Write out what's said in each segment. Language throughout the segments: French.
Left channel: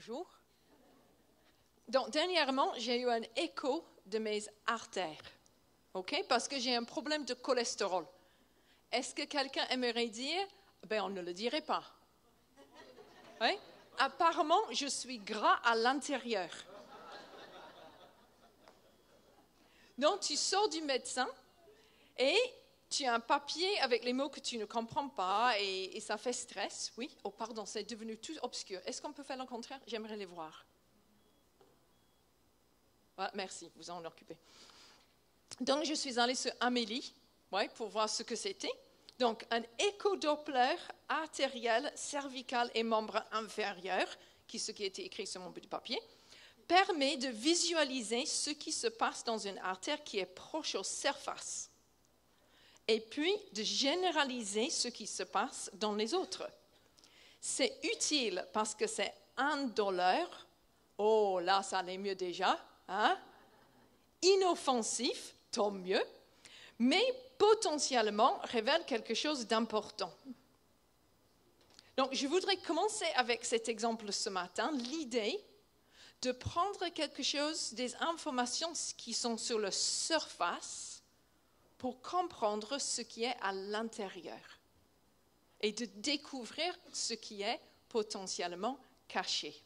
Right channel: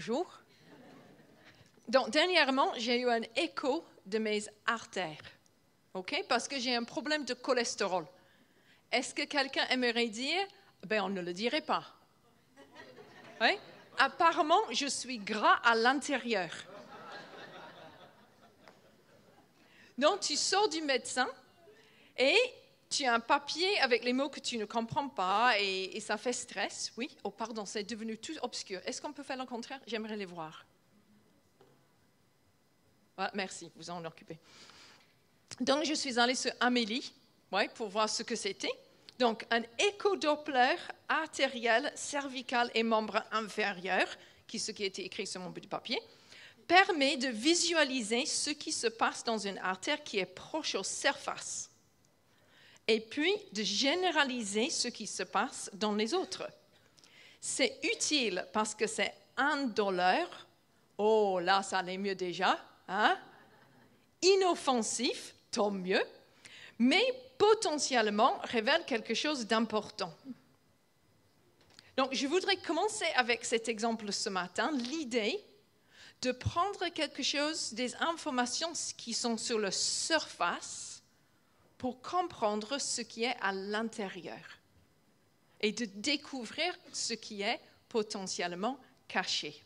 Bonjour. Donc, dernièrement, j'ai eu un écho de mes artères, ok? Parce que j'ai un problème de cholestérol. Est-ce que quelqu'un aimerait dire? Ben, on ne le dirait pas. Oui? Apparemment, je suis gras à l'intérieur. Donc, tu sors du médecin et tu as un papier avec les mots que tu ne comprends pas et ça fait stress. Oui? Oh, pardon, c'est devenu tout obscur. Est-ce qu'on peut faire le contraire? J'aimerais les voir. Ah, merci, vous en occupez. Donc, je suis allée sur Amélie, pour voir ce que c'était. Donc, un écho-doppler artériel, cervical et membre inférieur, ce qui était écrit sur mon bout de papier, permet de visualiser ce qui se passe dans une artère qui est proche aux surfaces et puis de généraliser ce qui se passe dans les autres. C'est utile parce que c'est indolore. Oh, là, ça allait mieux déjà. Hein? Inoffensif, tant mieux, mais potentiellement révèle quelque chose d'important. Donc, je voudrais commencer avec cet exemple ce matin, l'idée de prendre quelque chose, des informations qui sont sur la surface pour comprendre ce qui est à l'intérieur et de découvrir ce qui est potentiellement caché.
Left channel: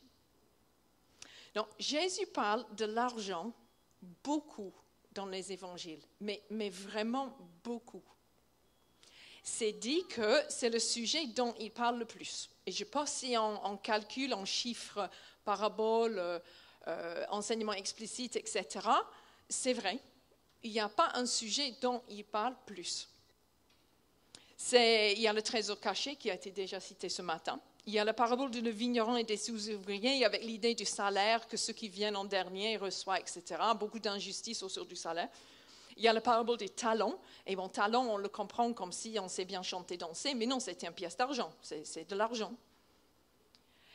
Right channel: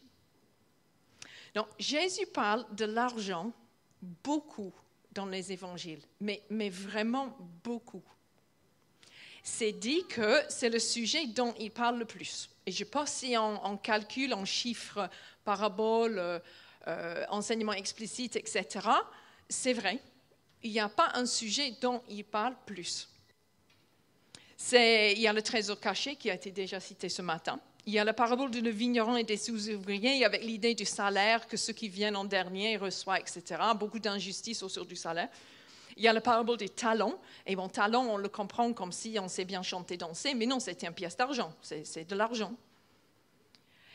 Donc, Jésus parle de l'argent beaucoup dans les évangiles, mais vraiment beaucoup. C'est dit que c'est le sujet dont il parle le plus. Et je ne sais pas si on calcule en chiffres, paraboles, enseignements explicites, etc. C'est vrai, il n'y a pas un sujet dont il parle plus. Il y a le trésor caché qui a été déjà cité ce matin. Il y a la parabole de le vigneron et des sous-ouvriers avec l'idée du salaire que ceux qui viennent en dernier reçoivent, etc. Beaucoup d'injustice autour du salaire. Il y a la parabole des talents. Et bon, talent, on le comprend comme si on sait bien chanter, danser, mais non, c'était une pièce d'argent, c'est de l'argent.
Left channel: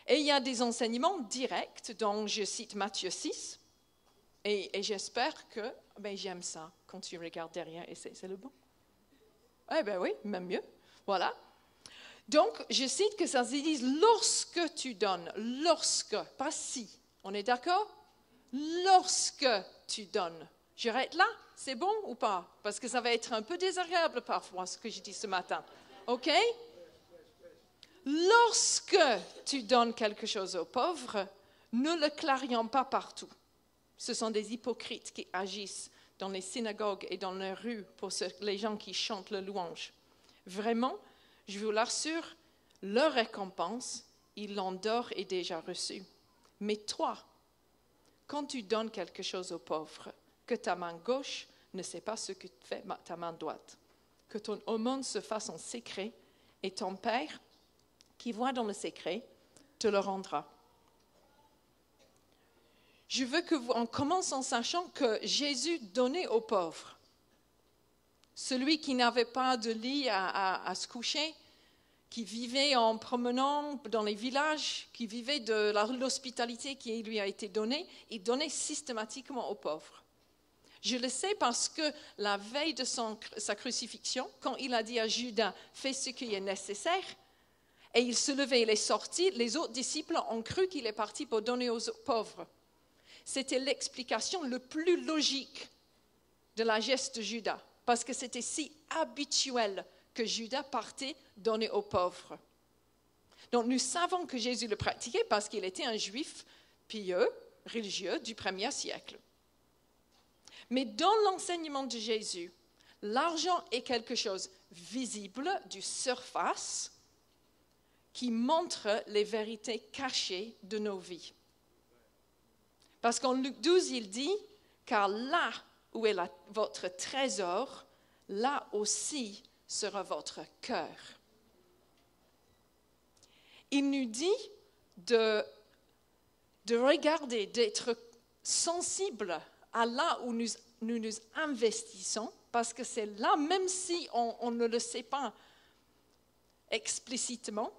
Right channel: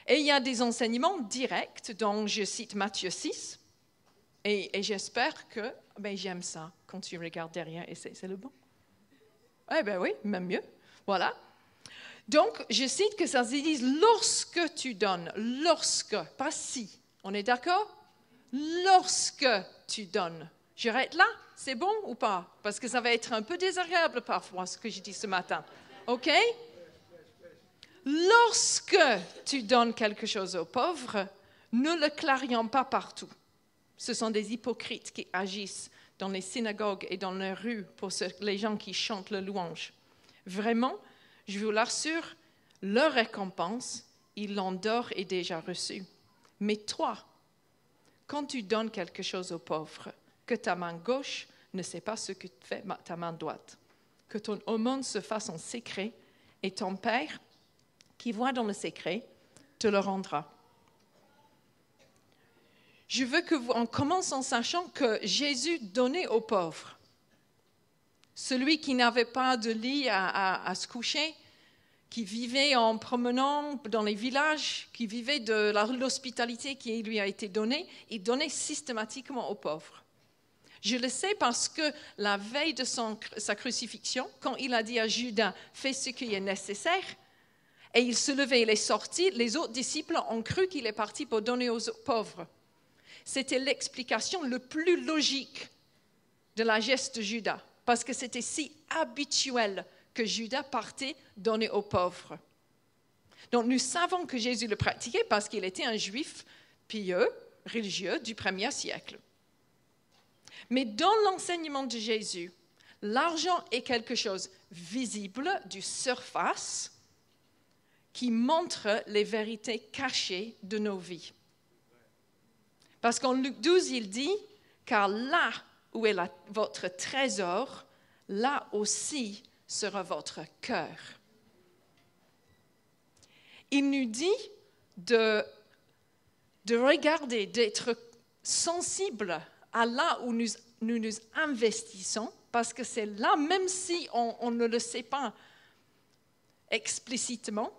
Et il y a des enseignements directs, dont je cite Matthieu 6, et j'espère que, j'aime ça, quand tu regardes derrière, et c'est le bon. Eh bien oui, même mieux, voilà. Donc, je cite que ça se dit lorsque tu donnes, lorsque, pas si, on est d'accord? Lorsque tu donnes. J'arrête là, c'est bon ou pas? Parce que ça va être un peu désagréable parfois, ce que je dis ce matin. OK? Lorsque tu donnes quelque chose aux pauvres, ne le clarions pas partout. Ce sont des hypocrites qui agissent dans les synagogues et dans les rues pour les gens qui chantent le louange. Vraiment, je vous l'assure, leur récompense, ils l'ont d'or et déjà reçue. Mais toi, quand tu donnes quelque chose aux pauvres, que ta main gauche ne sait pas ce que fait ta main droite, que ton aumône se fasse en secret, et ton Père, qui voit dans le secret, te le rendra. Je veux qu'on commence en sachant que Jésus donnait aux pauvres. Celui qui n'avait pas de lit à se coucher, qui vivait en promenant dans les villages, qui vivait de l'hospitalité qui lui a été donnée, il donnait systématiquement aux pauvres. Je le sais parce que la veille de sa crucifixion, quand il a dit à Judas « fais ce qui est nécessaire », et il se levait, il est sorti, les autres disciples ont cru qu'il est parti pour donner aux pauvres. C'était l'explication la plus logique de la geste de Judas, parce que c'était si habituel que Judas partait donner aux pauvres. Donc nous savons que Jésus le pratiquait parce qu'il était un juif pieux, religieux du 1er siècle. Mais dans l'enseignement de Jésus, l'argent est quelque chose visible, du surface, qui montre les vérités cachées de nos vies. Parce qu'en Luc 12, il dit « Car là où est votre trésor, là aussi sera votre cœur. » Il nous dit de regarder, d'être sensible à là où nous investissons, parce que c'est là, même si on ne le sait pas explicitement,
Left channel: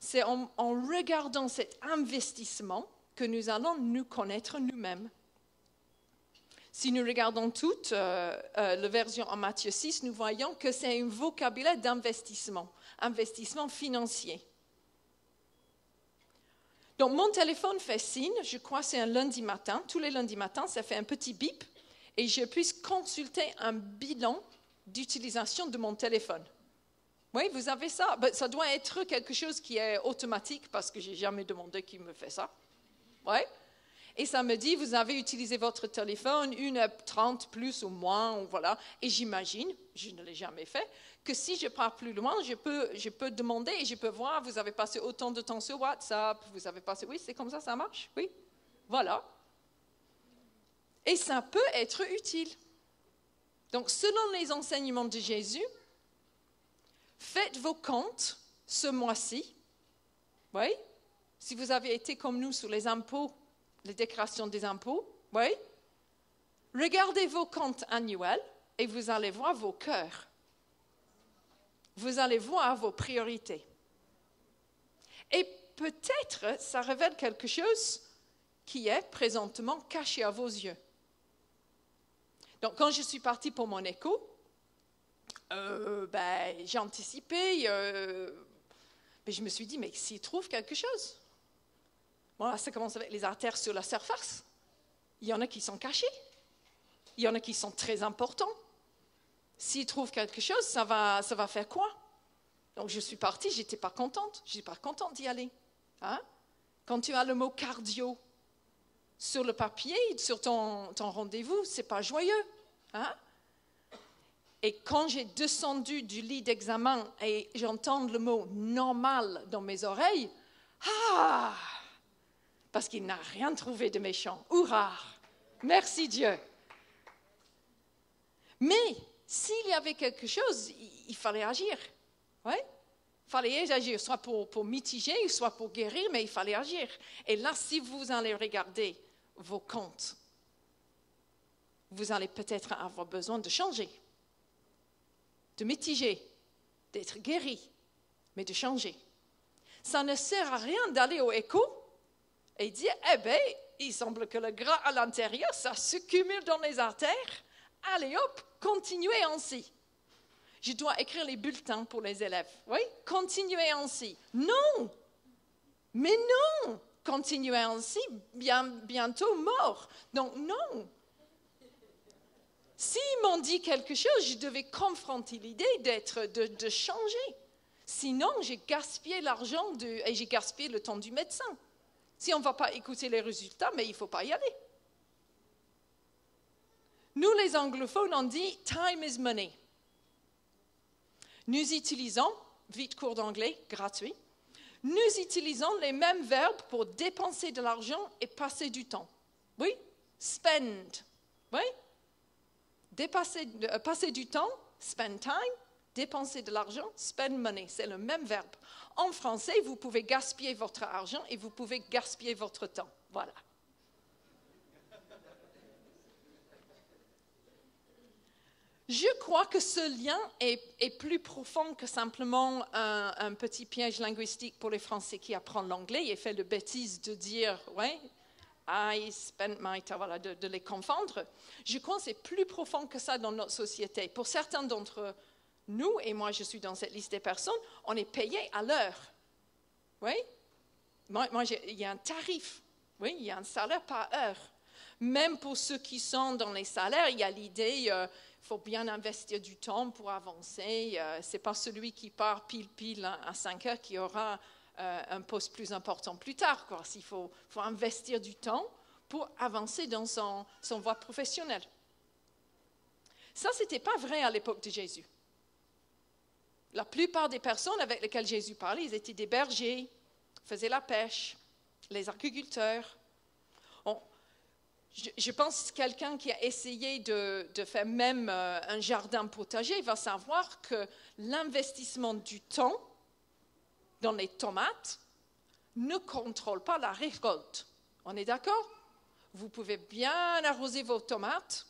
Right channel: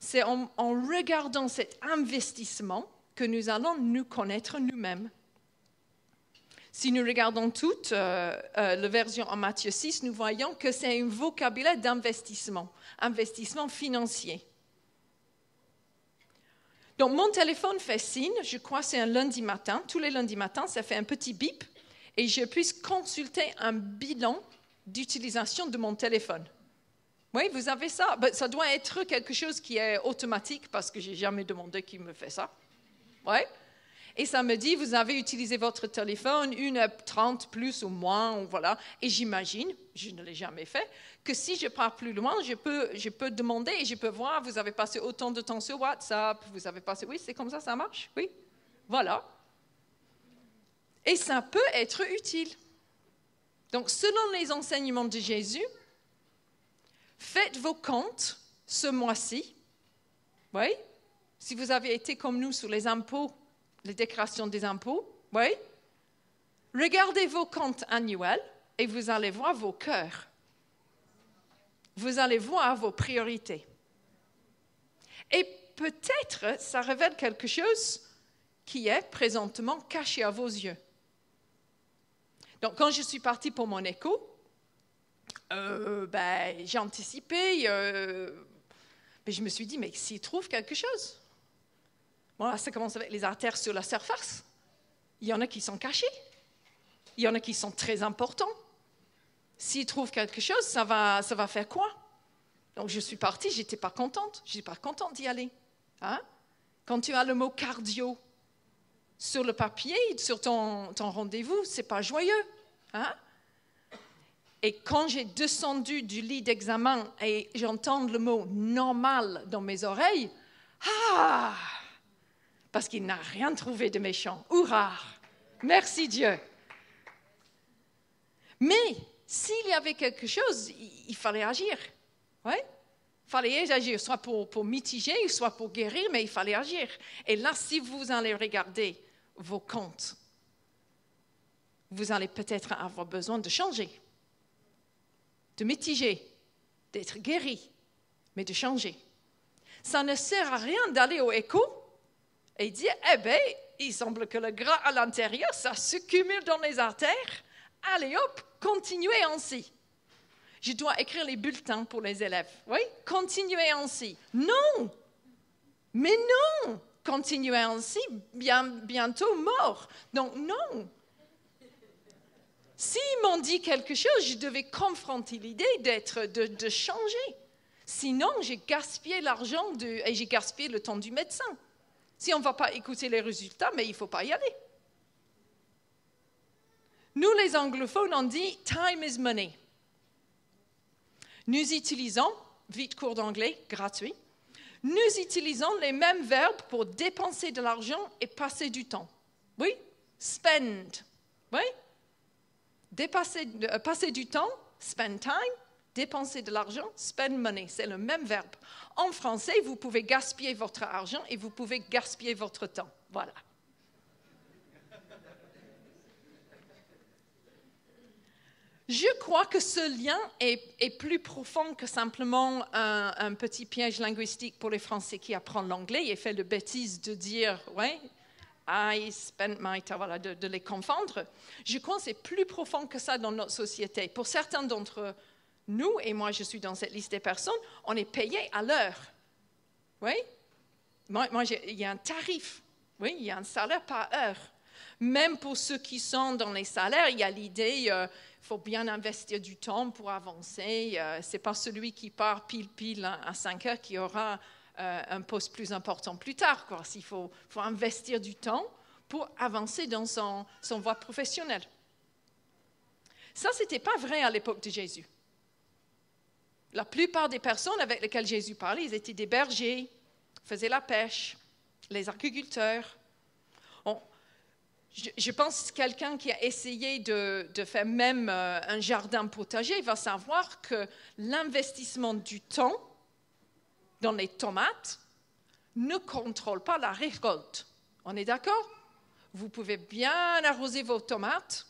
c'est en regardant cet investissement que nous allons nous connaître nous-mêmes. Si nous regardons toute la version en Matthieu 6, nous voyons que c'est un vocabulaire d'investissement, investissement financier. Donc, mon téléphone fait signe, je crois que c'est un lundi matin. Tous les lundis matins, ça fait un petit bip et je puisse consulter un bilan d'utilisation de mon téléphone. Oui, vous avez ça. Ben, ça doit être quelque chose qui est automatique parce que je n'ai jamais demandé qui me fait ça. Oui. Et ça me dit, vous avez utilisé votre téléphone 1h30 plus ou moins, ou voilà. Et j'imagine, je ne l'ai jamais fait, que si je pars plus loin, je peux demander et je peux voir, vous avez passé autant de temps sur WhatsApp, vous avez passé, oui, c'est comme ça marche, oui, voilà. Et ça peut être utile. Donc, selon les enseignements de Jésus, faites vos comptes ce mois-ci, oui, si vous avez été comme nous sur les impôts, les déclarations des impôts, oui. Regardez vos comptes annuels et vous allez voir vos cœurs. Vous allez voir vos priorités. Et peut-être ça révèle quelque chose qui est présentement caché à vos yeux. Donc, quand je suis partie pour mon écho, j'ai anticipé, mais je me suis dit, mais s'il trouve quelque chose. Bon, ça commence avec les artères sur la surface. Il y en a qui sont cachés. Il y en a qui sont très importants. S'ils trouvent quelque chose, ça va faire quoi? Donc, je suis partie, je n'étais pas contente. Je n'étais pas contente d'y aller. Hein? Quand tu as le mot cardio sur le papier, sur ton rendez-vous, ce n'est pas joyeux. Hein? Et quand j'ai descendu du lit d'examen et j'entends le mot « normal » dans mes oreilles, parce qu'il n'a rien trouvé de méchant. Hurrah! Merci Dieu. Mais s'il y avait quelque chose, il fallait agir. Ouais? Il fallait agir, soit pour mitiger, soit pour guérir, mais il fallait agir. Et là, si vous allez regarder vos comptes, vous allez peut-être avoir besoin de changer, de mitiger, d'être guéri, mais de changer. Ça ne sert à rien d'aller au écho et dire, il semble que le gras à l'intérieur, ça se cumule dans les artères. Allez hop, continuez ainsi. Je dois écrire les bulletins pour les élèves. Oui, continuez ainsi. Non, mais non, continuez ainsi, bientôt mort. Donc non. S'ils m'ont dit quelque chose, je devais confronter l'idée de changer. Sinon, j'ai gaspillé l'argent et j'ai gaspillé le temps du médecin. Si on ne va pas écouter les résultats, mais il ne faut pas y aller. Nous, les anglophones, on dit « time is money ». Nous utilisons, vite cours d'anglais, gratuit, nous utilisons les mêmes verbes pour dépenser de l'argent et passer du temps. Oui, spend. Oui, passer du temps, spend time, dépenser de l'argent, spend money. C'est le même verbe. En français, vous pouvez gaspiller votre argent et vous pouvez gaspiller votre temps. Voilà. Je crois que ce lien est plus profond que simplement un petit piège linguistique pour les Français qui apprennent l'anglais et fait la bêtise de dire « ouais, I spent my time », voilà, de les confondre. Je crois que c'est plus profond que ça dans notre société. Pour certains d'entre nous, et moi je suis dans cette liste des personnes, on est payé à l'heure. Oui? Il y a un tarif. Oui, il y a un salaire par heure. Même pour ceux qui sont dans les salaires, il y a l'idée... il faut bien investir du temps pour avancer. Ce n'est pas celui qui part pile à 5 heures qui aura un poste plus important plus tard. Il faut investir du temps pour avancer dans son voie professionnelle. Ça, ce n'était pas vrai à l'époque de Jésus. La plupart des personnes avec lesquelles Jésus parlait, ils étaient des bergers, faisaient la pêche, les agriculteurs. Je pense que quelqu'un qui a essayé de faire même un jardin potager va savoir que l'investissement du temps dans les tomates ne contrôle pas la récolte. On est d'accord? Vous pouvez bien arroser vos tomates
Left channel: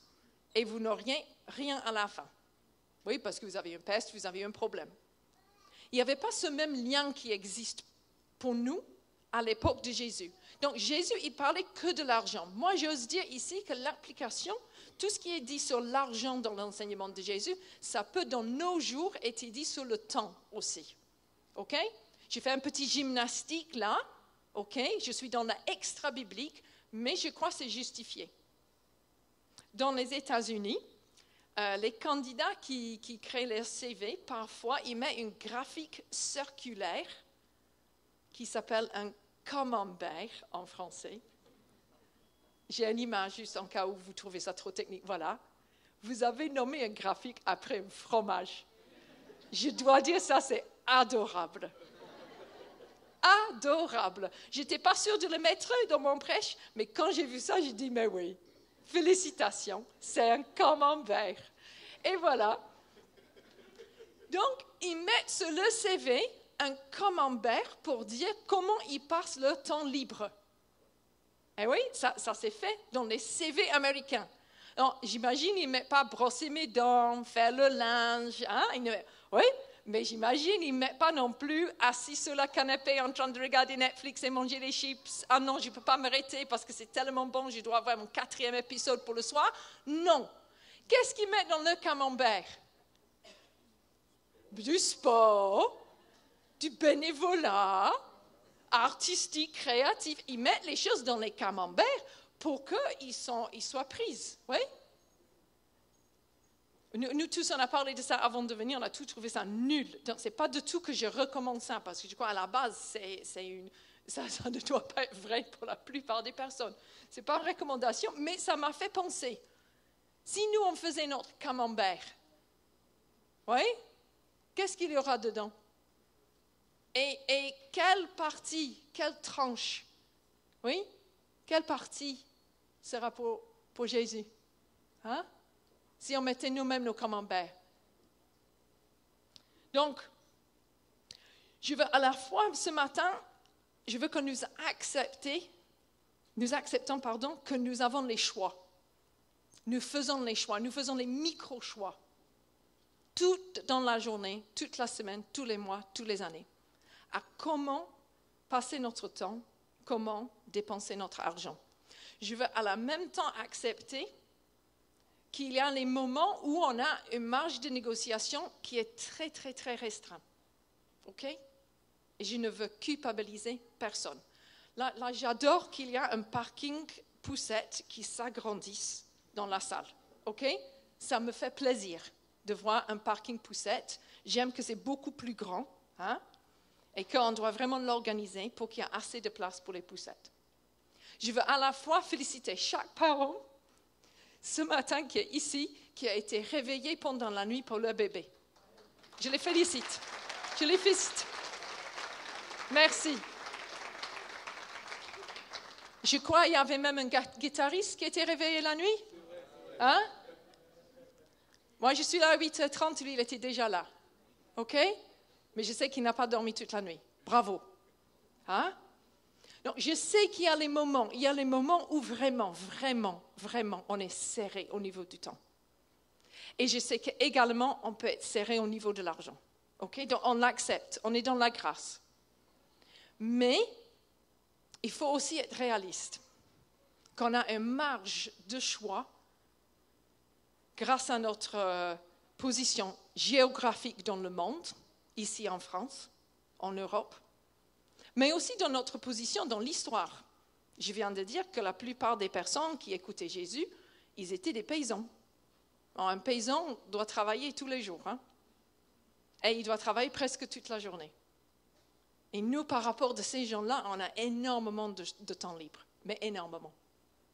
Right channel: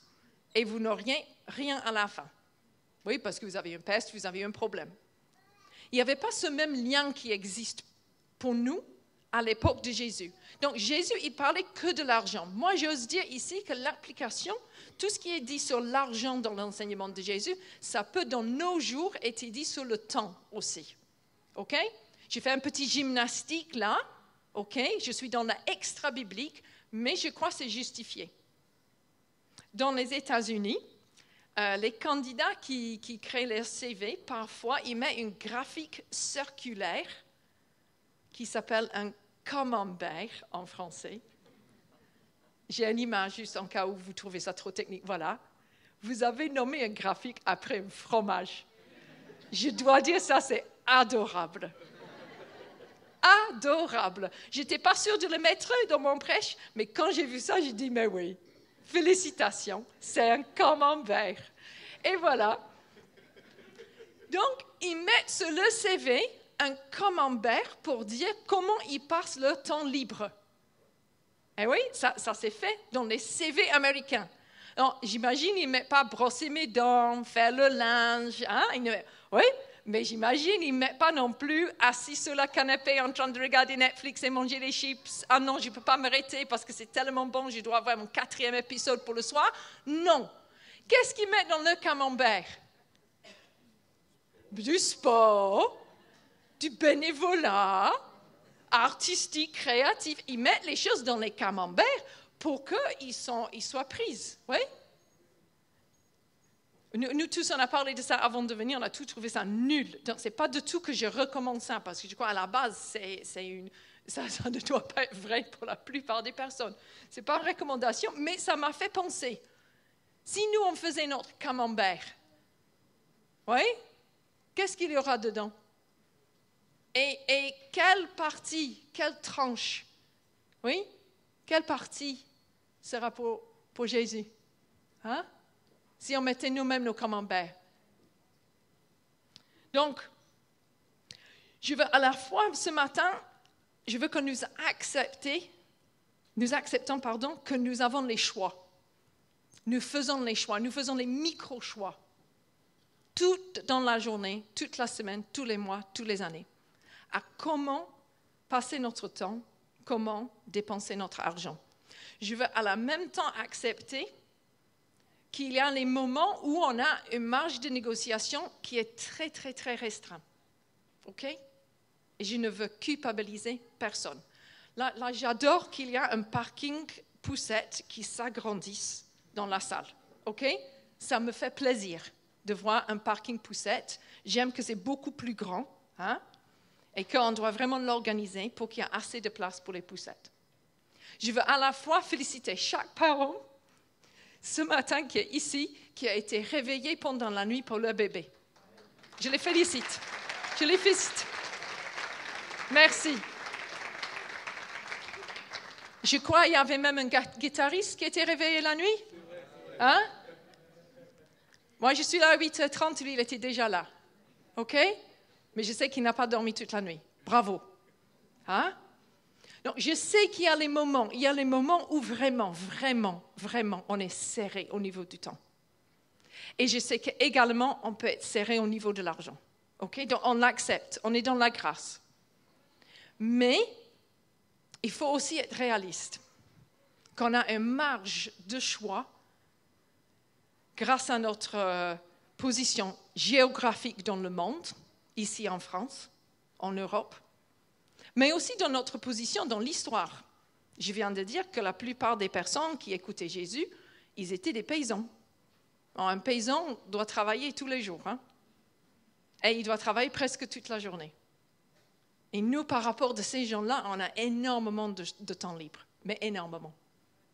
et vous n'auriez rien à la fin. Oui, parce que vous avez une peste, vous avez un problème. Il n'y avait pas ce même lien qui existe pour nous à l'époque de Jésus. Donc, Jésus, il parlait que de l'argent. Moi, j'ose dire ici que l'application, tout ce qui est dit sur l'argent dans l'enseignement de Jésus, ça peut, dans nos jours, être dit sur le temps aussi. OK? J'ai fait un petit gymnastique là. OK? Je suis dans l'extra-biblique, mais je crois que c'est justifié. Dans les États-Unis, les candidats qui créent leur CV, parfois, ils mettent une graphique circulaire qui s'appelle un camembert en français. J'ai une image juste en cas où vous trouvez ça trop technique. Voilà. Vous avez nommé un graphique après un fromage. Je dois dire ça, c'est adorable. Adorable. Je n'étais pas sûre de le mettre dans mon prêche, mais quand j'ai vu ça, j'ai dit, mais oui, félicitations, c'est un camembert. Et voilà. Donc, ils mettent sur le CV un camembert pour dire comment ils passent leur temps libre. Et oui, ça s'est fait dans les CV américains. Alors, j'imagine, ils ne mettent pas brosser mes dents, faire le linge. Hein? Oui, mais j'imagine, ils ne mettent pas non plus assis sur le canapé en train de regarder Netflix et manger des chips. Ah non, je ne peux pas m'arrêter parce que c'est tellement bon, je dois avoir mon 4e épisode pour le soir. Non. Qu'est-ce qu'ils mettent dans le camembert? Du sport, du bénévolat, artistique, créatif. Ils mettent les choses dans les camemberts pour qu'ils soient prises. Oui? Nous tous, on a parlé de ça avant de venir, on a tous trouvé ça nul. Donc, ce n'est pas du tout que je recommande ça, parce que je crois à la base, ça ne doit pas être vrai pour la plupart des personnes. Ce n'est pas une recommandation, mais ça m'a fait penser. Si nous, on faisait notre camembert, oui, qu'est-ce qu'il y aura dedans? Et quelle partie, quelle tranche, oui, quelle partie sera pour Jésus? Hein? Si on mettait nous-mêmes nos camemberts. Donc, je veux à la fois ce matin, je veux que nous acceptons que nous avons les choix. Nous faisons les choix, nous faisons les micro-choix. Tout dans la journée, toute la semaine, tous les mois, toutes les années. À comment passer notre temps, comment dépenser notre argent. Je veux à la même temps accepter qu'il y a les moments où on a une marge de négociation qui est très, très, très restreinte. OK? Et je ne veux culpabiliser personne. Là, j'adore qu'il y a un parking poussette qui s'agrandisse dans la salle. OK? Ça me fait plaisir de voir un parking poussette. J'aime que c'est beaucoup plus grand, hein? Et qu'on doit vraiment l'organiser pour qu'il y ait assez de place pour les poussettes. Je veux à la fois féliciter chaque parent ce matin qui est ici, qui a été réveillé pendant la nuit pour leur bébé. Je les félicite. Je les félicite. Merci. Je crois qu'il y avait même un guitariste qui était réveillé la nuit. Hein? Moi, je suis là à 8h30, lui, il était déjà là. OK? Mais je sais qu'il n'a pas dormi toute la nuit. Bravo. Hein? Donc, je sais qu'il y a les moments où vraiment, vraiment, vraiment, on est serré au niveau du temps. Et je sais qu'également, on peut être serré au niveau de l'argent. OK? Donc, on l'accepte. On est dans la grâce. Mais, il faut aussi être réaliste. Qu'on a une marge de choix grâce à notre position géographique dans le monde, ici en France, en Europe, mais aussi dans notre position dans l'histoire. Je viens de dire que la plupart des personnes qui écoutaient Jésus, ils étaient des paysans. Alors, un paysan doit travailler tous les jours, hein? Et il doit travailler presque toute la journée. Et nous, par rapport à ces gens-là, on a énormément de temps libre, mais énormément,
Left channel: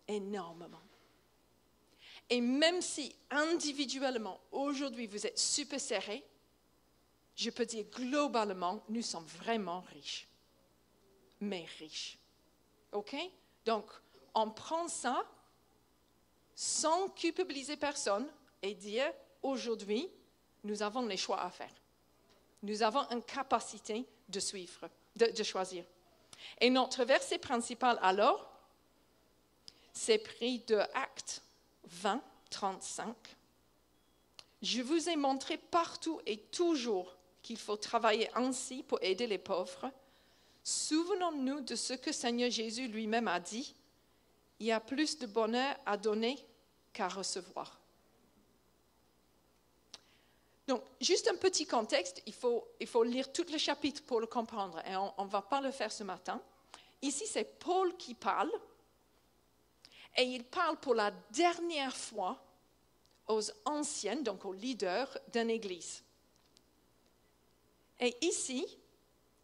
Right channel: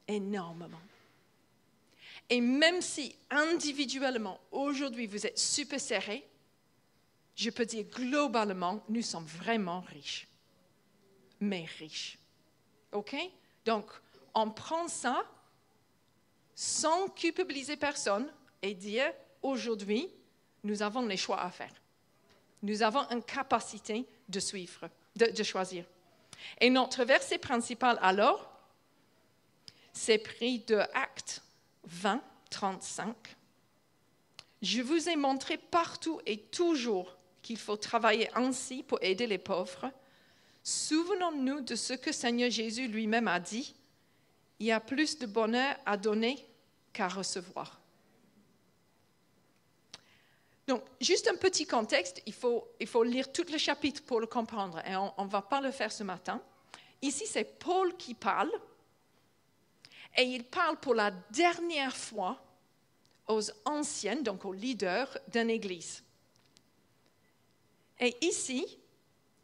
énormément. Et même si individuellement, aujourd'hui, vous êtes super serrés, je peux dire globalement, nous sommes vraiment riches. Mais riches. OK? Donc, on prend ça sans culpabiliser personne et dire, aujourd'hui, nous avons les choix à faire. Nous avons une capacité de choisir. Et notre verset principal alors, c'est pris de Actes 20, 35. Je vous ai montré partout et toujours qu'il faut travailler ainsi pour aider les pauvres. Souvenons-nous de ce que Seigneur Jésus lui-même a dit. Il y a plus de bonheur à donner qu'à recevoir. Donc, juste un petit contexte, il faut lire tout le chapitre pour le comprendre, et on ne va pas le faire ce matin. Ici, c'est Paul qui parle, et il parle pour la dernière fois aux anciennes, donc aux leaders d'une église. Et ici,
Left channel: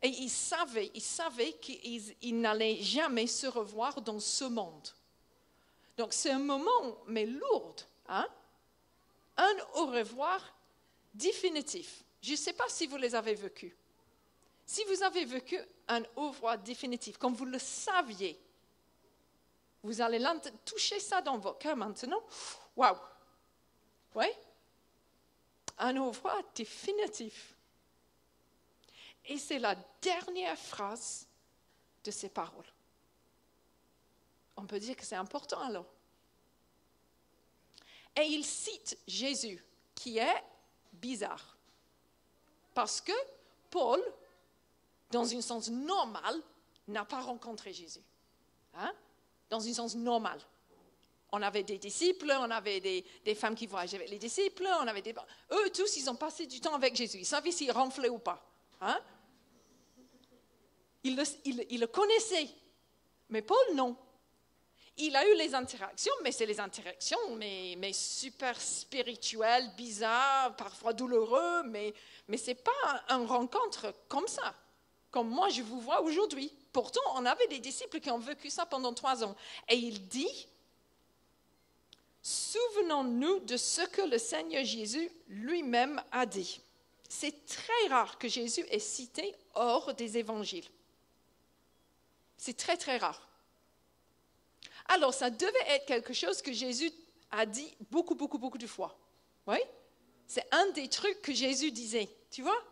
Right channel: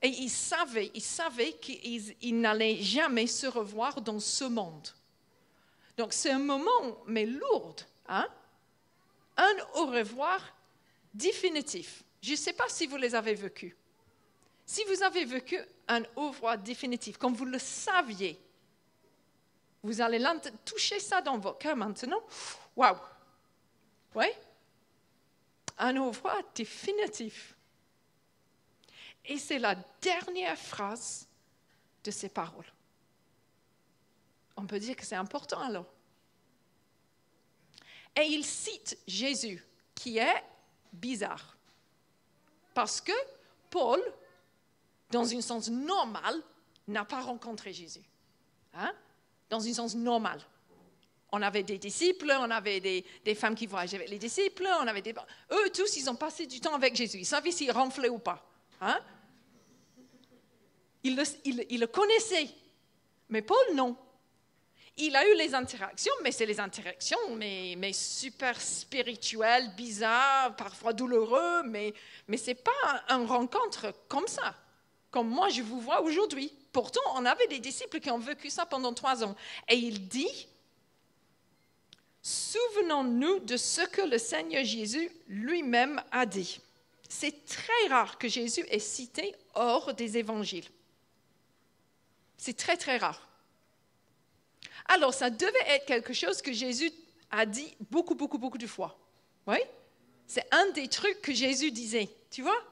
il savait qu'ils n'allaient jamais se revoir dans ce monde. Donc c'est un moment, mais lourd, hein? Un au revoir définitif. Je ne sais pas si vous les avez vécus. Si vous avez vécu un au revoir définitif, comme vous le saviez, vous allez toucher ça dans votre cœur maintenant. Waouh! Oui? Un au revoir définitif. Et c'est la dernière phrase de ces paroles. On peut dire que c'est important alors. Et il cite Jésus, qui est bizarre. Parce que Paul, dans un sens normal, n'a pas rencontré Jésus. Hein? Dans un sens normal. On avait des disciples, on avait des femmes qui voyageaient avec les disciples, eux tous, ils ont passé du temps avec Jésus. Ils savaient s'ils ronflaient ou pas. Hein? Ils le connaissaient. Mais Paul, non. Il a eu les interactions, mais c'est les interactions, mais super spirituelles, bizarres, parfois douloureux, mais ce n'est pas une rencontre comme ça, comme moi je vous vois aujourd'hui. Pourtant, on avait des disciples qui ont vécu ça pendant 3 ans. Et il dit, souvenons-nous de ce que le Seigneur Jésus lui-même a dit. C'est très rare que Jésus est cité hors des évangiles. C'est très, très rare. Alors, ça devait être quelque chose que Jésus a dit beaucoup de fois. Oui? C'est un des trucs que Jésus disait, tu vois?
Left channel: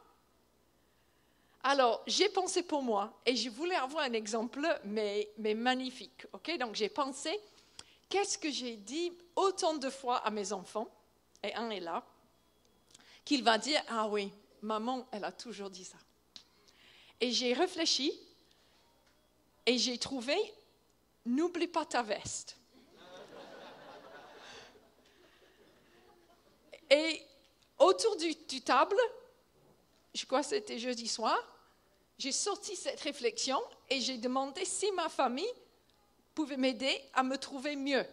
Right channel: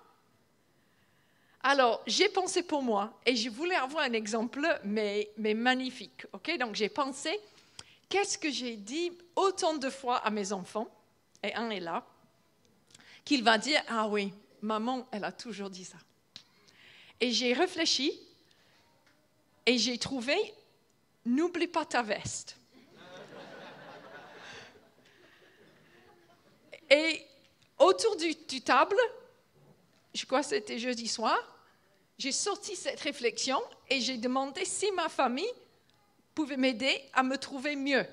Alors, j'ai pensé pour moi, et je voulais avoir un exemple, mais magnifique. Ok? Donc, j'ai pensé, qu'est-ce que j'ai dit autant de fois à mes enfants, et un est là, qu'il va dire, ah oui, maman, elle a toujours dit ça. Et j'ai réfléchi, et j'ai trouvé, n'oublie pas ta veste. Et autour du table, je crois que c'était jeudi soir, j'ai sorti cette réflexion et j'ai demandé si ma famille pouvait m'aider à me trouver mieux.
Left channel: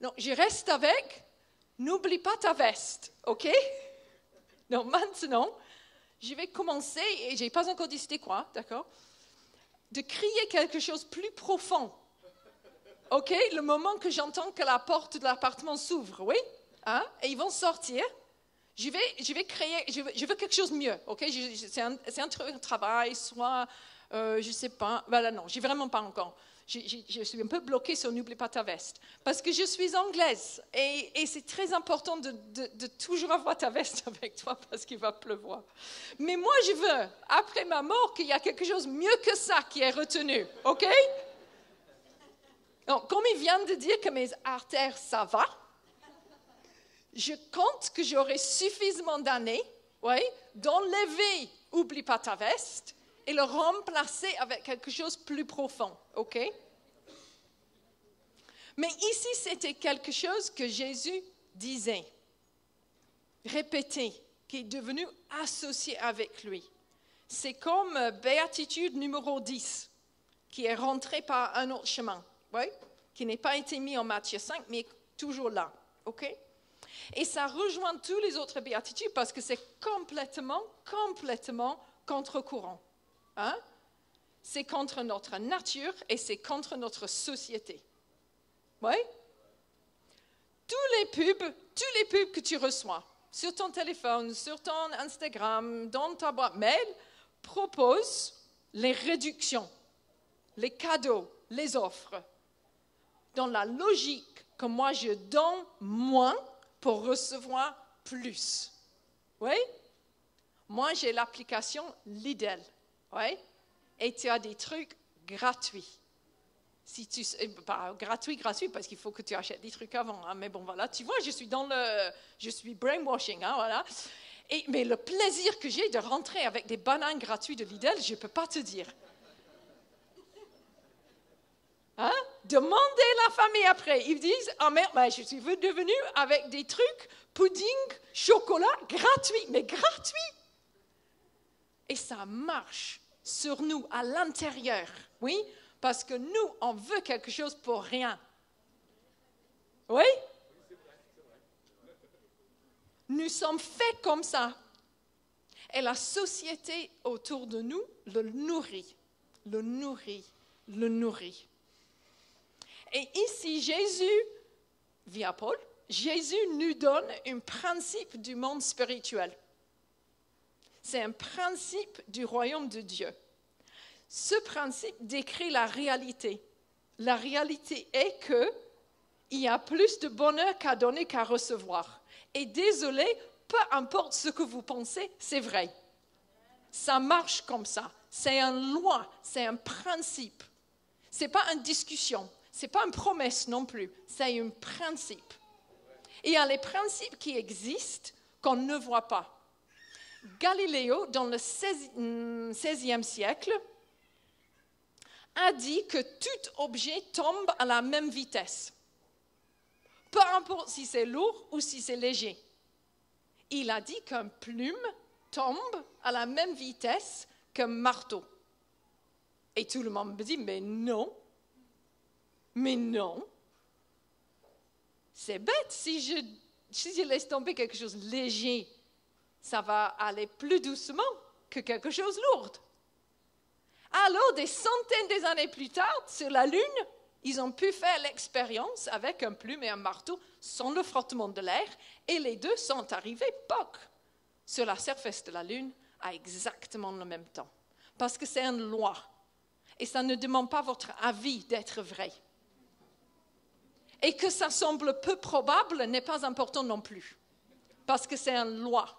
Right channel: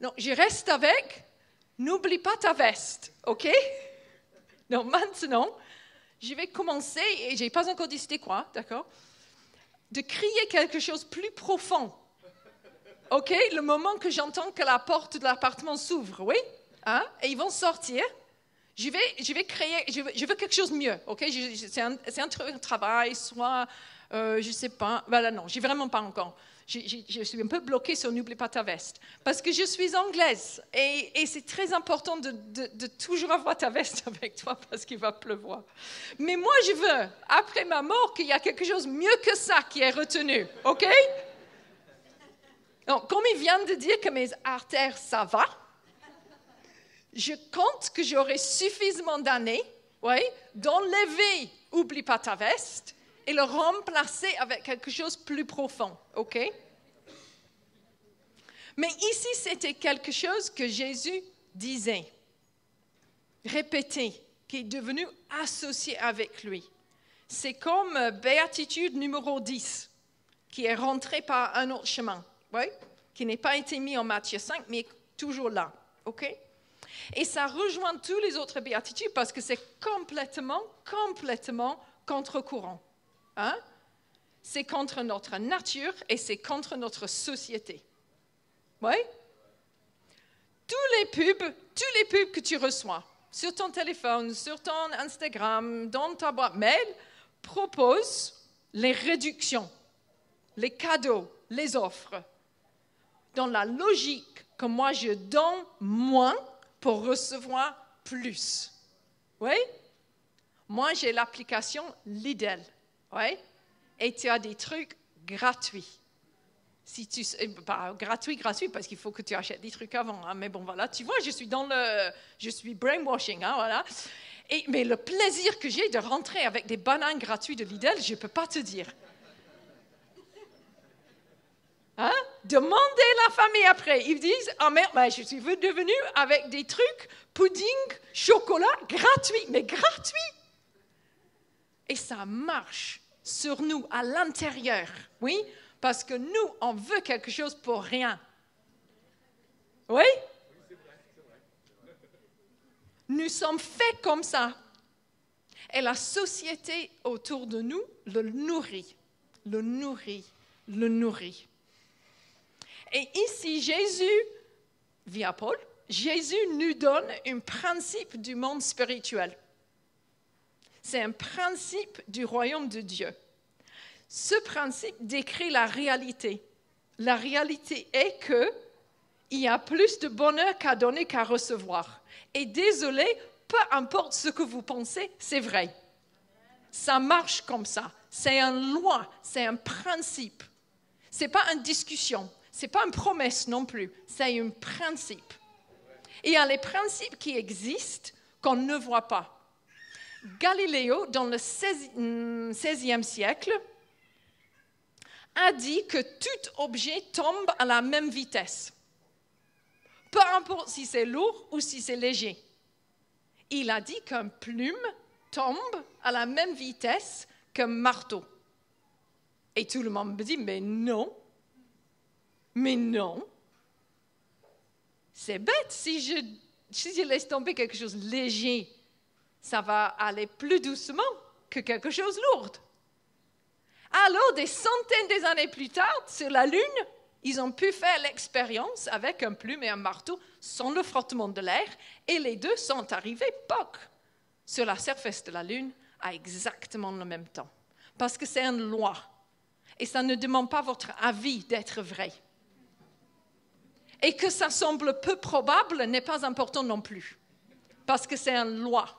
Donc, je reste avec, n'oublie pas ta veste, ok? Donc, maintenant, je vais commencer, et je n'ai pas encore dit c'était quoi, d'accord? De crier quelque chose de plus profond. OK? Le moment que j'entends que la porte de l'appartement s'ouvre, oui? Hein? Et ils vont sortir. Je vais créer, je veux quelque chose de mieux. OK? C'est un travail, soit, je ne sais pas. Voilà, non, je n'ai vraiment pas encore. Je suis un peu bloquée sur n'oublie pas ta veste. Parce que je suis anglaise. Et c'est très important de toujours avoir ta veste avec toi parce qu'il va pleuvoir. Mais moi, je veux, après ma mort, qu'il y a quelque chose de mieux que ça qui est retenu. OK? Donc, comme il vient de dire que mes artères, ça va, je compte que j'aurai suffisamment d'années, oui, d'enlever oublie pas ta veste et le remplacer avec quelque chose de plus profond, ok? Mais ici, c'était quelque chose que Jésus disait, répétait, qui est devenu associé avec lui. C'est comme béatitude numéro 10, qui est rentrée par un autre chemin, oui? Qui n'a pas été mis en Matthieu 5, mais toujours là, ok? Et ça rejoint tous les autres béatitudes parce que c'est complètement contre-courant. Hein? C'est contre notre nature et c'est contre notre société. Oui? Tous les pubs que tu reçois sur ton téléphone, sur ton Instagram, dans ta boîte mail, proposent les réductions, les cadeaux, les offres. Dans la logique que moi je donne moins pour recevoir plus. Oui? Moi, j'ai l'application Lidl. Oui? Et tu as des trucs gratuits. Pas gratuit, parce qu'il faut que tu achètes des trucs avant. Hein, mais bon, voilà, tu vois, je suis brainwashing, hein, voilà. Mais le plaisir que j'ai de rentrer avec des bananes gratuites de Lidl, je ne peux pas te dire. Hein? Demandez la famille après. Ils disent, ah merde, je suis devenue avec des trucs, pudding, chocolat, gratuits, mais gratuits. Et ça marche sur nous, à l'intérieur. Oui, parce que nous, on veut quelque chose pour rien. Oui? Nous sommes faits comme ça. Et la société autour de nous le nourrit, le nourrit, le nourrit. Et ici, Jésus, via Paul, Jésus nous donne un principe du monde spirituel. C'est un principe du royaume de Dieu. Ce principe décrit la réalité. La réalité est qu'il y a plus de bonheur qu'à donner qu'à recevoir. Et désolé, peu importe ce que vous pensez, c'est vrai. Ça marche comme ça. C'est une loi, c'est un principe. Ce n'est pas une discussion, ce n'est pas une promesse non plus, c'est un principe. Et il y a les principes qui existent qu'on ne voit pas. Galiléo, dans le XVIe siècle, a dit que tout objet tombe à la même vitesse. Peu importe si c'est lourd ou si c'est léger. Il a dit qu'une plume tombe à la même vitesse qu'un marteau. Et tout le monde me dit, mais non. C'est bête, si je laisse tomber quelque chose de léger, ça va aller plus doucement que quelque chose de lourd. Alors, des centaines d'années plus tard, sur la Lune, ils ont pu faire l'expérience avec un plume et un marteau sans le frottement de l'air, et les deux sont arrivés, sur la surface de la Lune à exactement le même temps. Parce que c'est une loi, et ça ne demande pas votre avis d'être vrai. Et que ça semble peu probable n'est pas important non plus, parce que c'est une loi.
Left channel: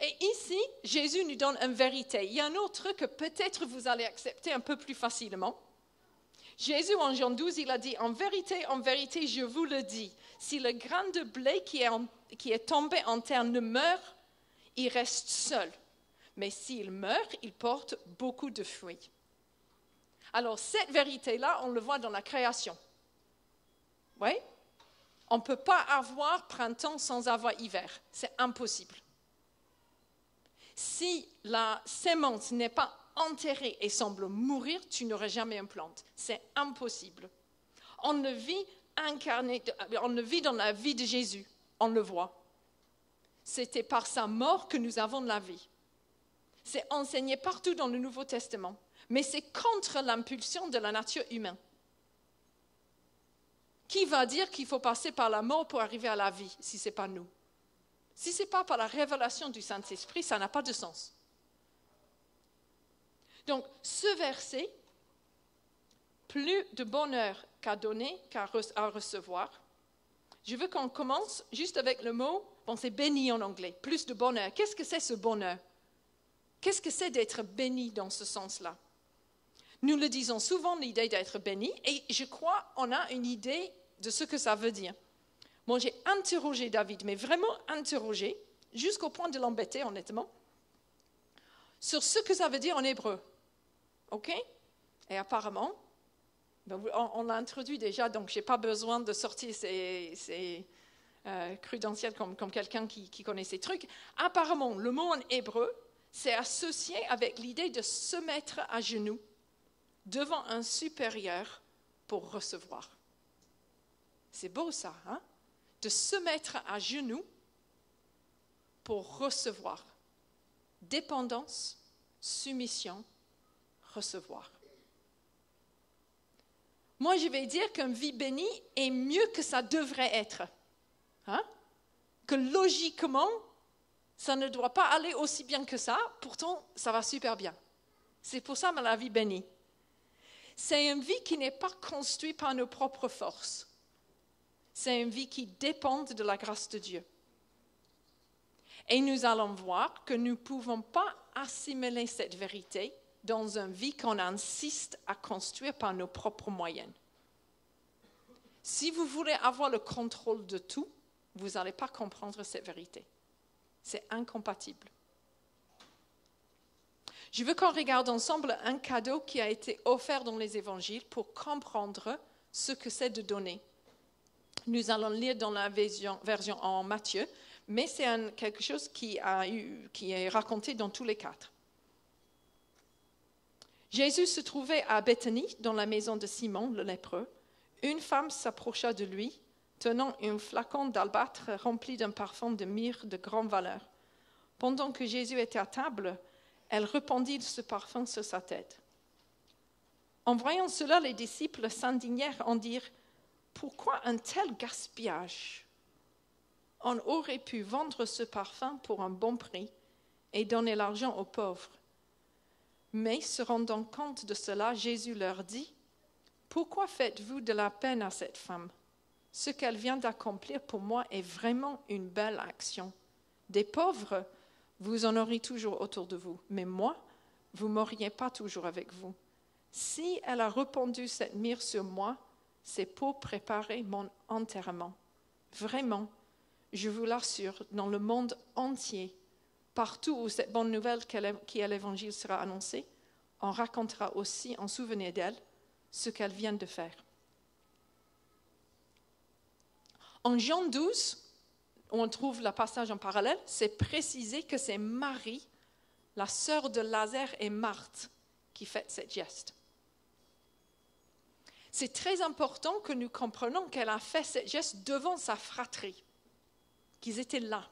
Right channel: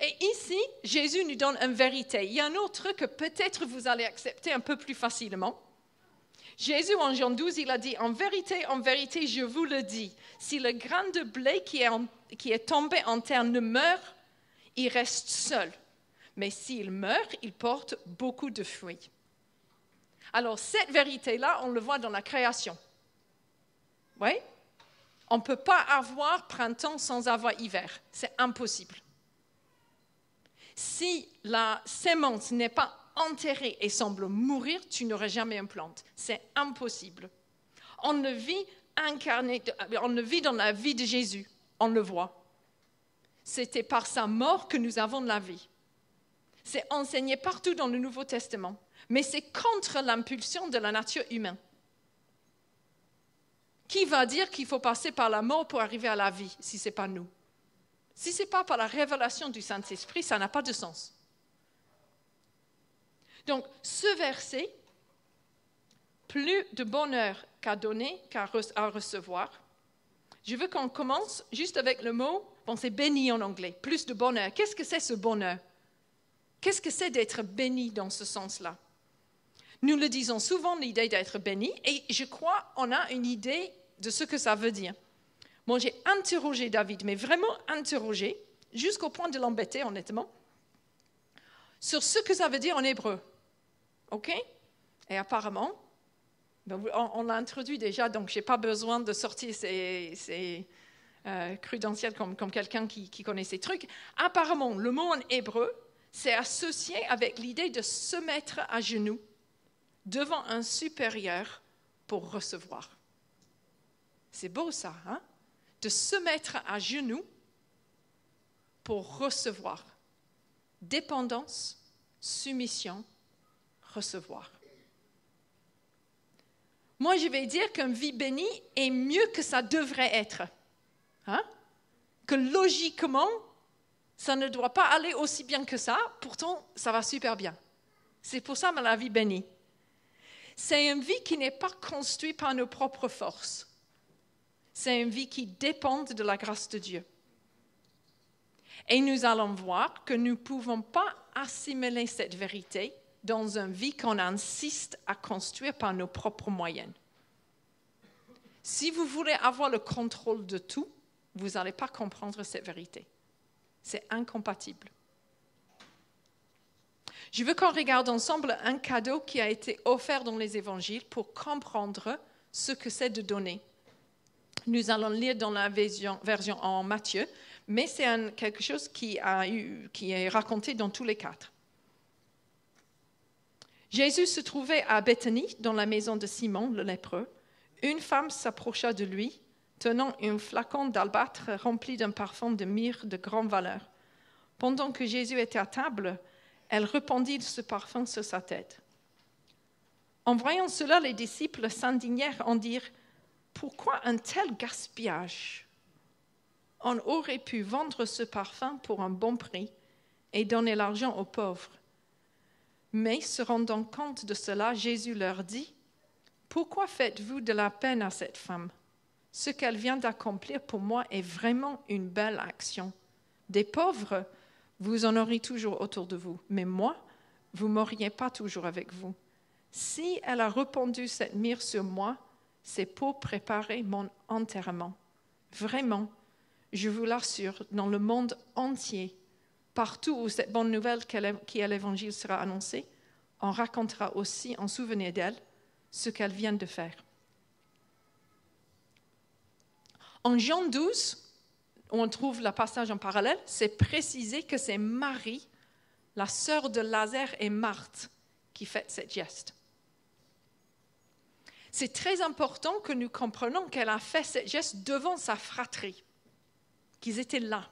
Et ici, Jésus nous donne une vérité. Il y a un autre truc que peut-être vous allez accepter un peu plus facilement. Jésus, en Jean 12, il a dit, en vérité, je vous le dis, si le grain de blé qui est tombé en terre ne meurt, il reste seul. Mais s'il meurt, il porte beaucoup de fruits. Alors, cette vérité-là, on le voit dans la création. Oui? On ne peut pas avoir printemps sans avoir hiver. C'est impossible. Si la semence n'est pas enterrée et semble mourir, tu n'auras jamais une plante. C'est impossible. On le vit dans la vie de Jésus. On le voit. C'était par sa mort que nous avons de la vie. C'est enseigné partout dans le Nouveau Testament. Mais c'est contre l'impulsion de la nature humaine. Qui va dire qu'il faut passer par la mort pour arriver à la vie, si ce n'est pas nous? Si ce n'est pas par la révélation du Saint-Esprit, ça n'a pas de sens. Donc, ce verset, plus de bonheur qu'à donner qu'à recevoir. Je veux qu'on commence juste avec le mot, bon, c'est béni en anglais, plus de bonheur. Qu'est-ce que c'est ce bonheur? Qu'est-ce que c'est d'être béni dans ce sens-là? Nous le disons souvent, l'idée d'être béni, et je crois qu'on a une idée de ce que ça veut dire. Moi, j'ai interrogé David, mais vraiment interrogé, jusqu'au point de l'embêter, honnêtement, sur ce que ça veut dire en hébreu. OK? Et apparemment, on l'a introduit déjà, donc je n'ai pas besoin de sortir ces credentials comme quelqu'un qui connaît ces trucs. Apparemment, le mot en hébreu, c'est associé avec l'idée de se mettre à genoux devant un supérieur pour recevoir. C'est beau ça, hein? De se mettre à genoux pour recevoir. Dépendance, soumission, recevoir. Moi, je vais dire qu'une vie bénie est mieux que ça devrait être. Hein? Que logiquement, ça ne doit pas aller aussi bien que ça, pourtant, ça va super bien. C'est pour ça la vie bénie. C'est une vie qui n'est pas construite par nos propres forces. C'est une vie qui dépend de la grâce de Dieu. Et nous allons voir que nous ne pouvons pas assimiler cette vérité dans une vie qu'on insiste à construire par nos propres moyens. Si vous voulez avoir le contrôle de tout, vous n'allez pas comprendre cette vérité. C'est incompatible. Je veux qu'on regarde ensemble un cadeau qui a été offert dans les évangiles pour comprendre ce que c'est de donner. Nous allons lire dans la version en Matthieu, mais c'est quelque chose qui est raconté dans tous les quatre. Jésus se trouvait à Béthanie, dans la maison de Simon, le lépreux. Une femme s'approcha de lui, tenant un flacon d'albâtre rempli d'un parfum de myrrhe de grande valeur. Pendant que Jésus était à table, elle répandit ce parfum sur sa tête. En voyant cela, les disciples s'indignèrent en dirent « Pourquoi un tel gaspillage ? On aurait pu vendre ce parfum pour un bon prix et donner l'argent aux pauvres. » Mais se rendant compte de cela, Jésus leur dit « Pourquoi faites-vous de la peine à cette femme ? Ce qu'elle vient d'accomplir pour moi est vraiment une belle action. Des pauvres, vous en aurez toujours autour de vous, mais moi, vous ne m'auriez pas toujours avec vous. Si elle a répandu cette myrrhe sur moi, c'est pour préparer mon enterrement. Vraiment, je vous l'assure, dans le monde entier, partout où cette bonne nouvelle qui est l'Évangile sera annoncée, on racontera aussi en souvenir d'elle ce qu'elle vient de faire. » En Jean 12, où on trouve le passage en parallèle, c'est précisé que c'est Marie, la sœur de Lazare et Marthe, qui fait ce geste. C'est très important que nous comprenions qu'elle a fait ce geste devant sa fratrie, qu'ils étaient là,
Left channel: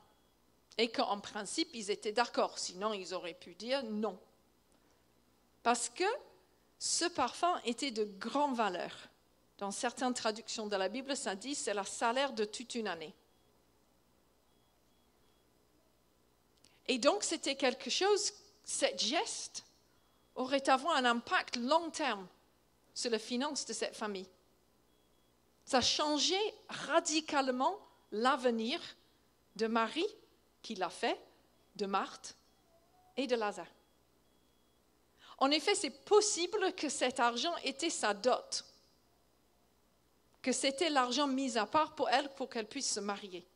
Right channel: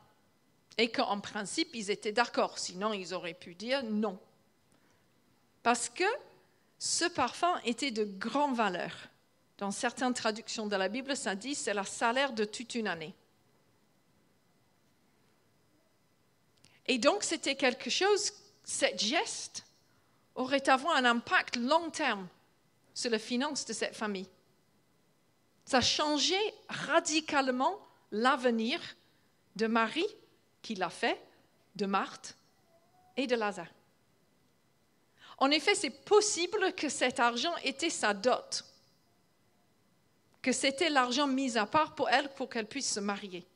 et qu'en principe, ils étaient d'accord, sinon ils auraient pu dire non. Parce que ce parfum était de grande valeur. Dans certaines traductions de la Bible, ça dit c'est le salaire de toute une année. Et donc, c'était quelque chose, ce geste aurait avoir un impact long terme sur les finances de cette famille. Ça changeait radicalement l'avenir de Marie, qui l'a fait, de Marthe et de Lazare. En effet, c'est possible que cet argent était sa dot, que c'était l'argent mis à part pour elle pour qu'elle puisse se marier.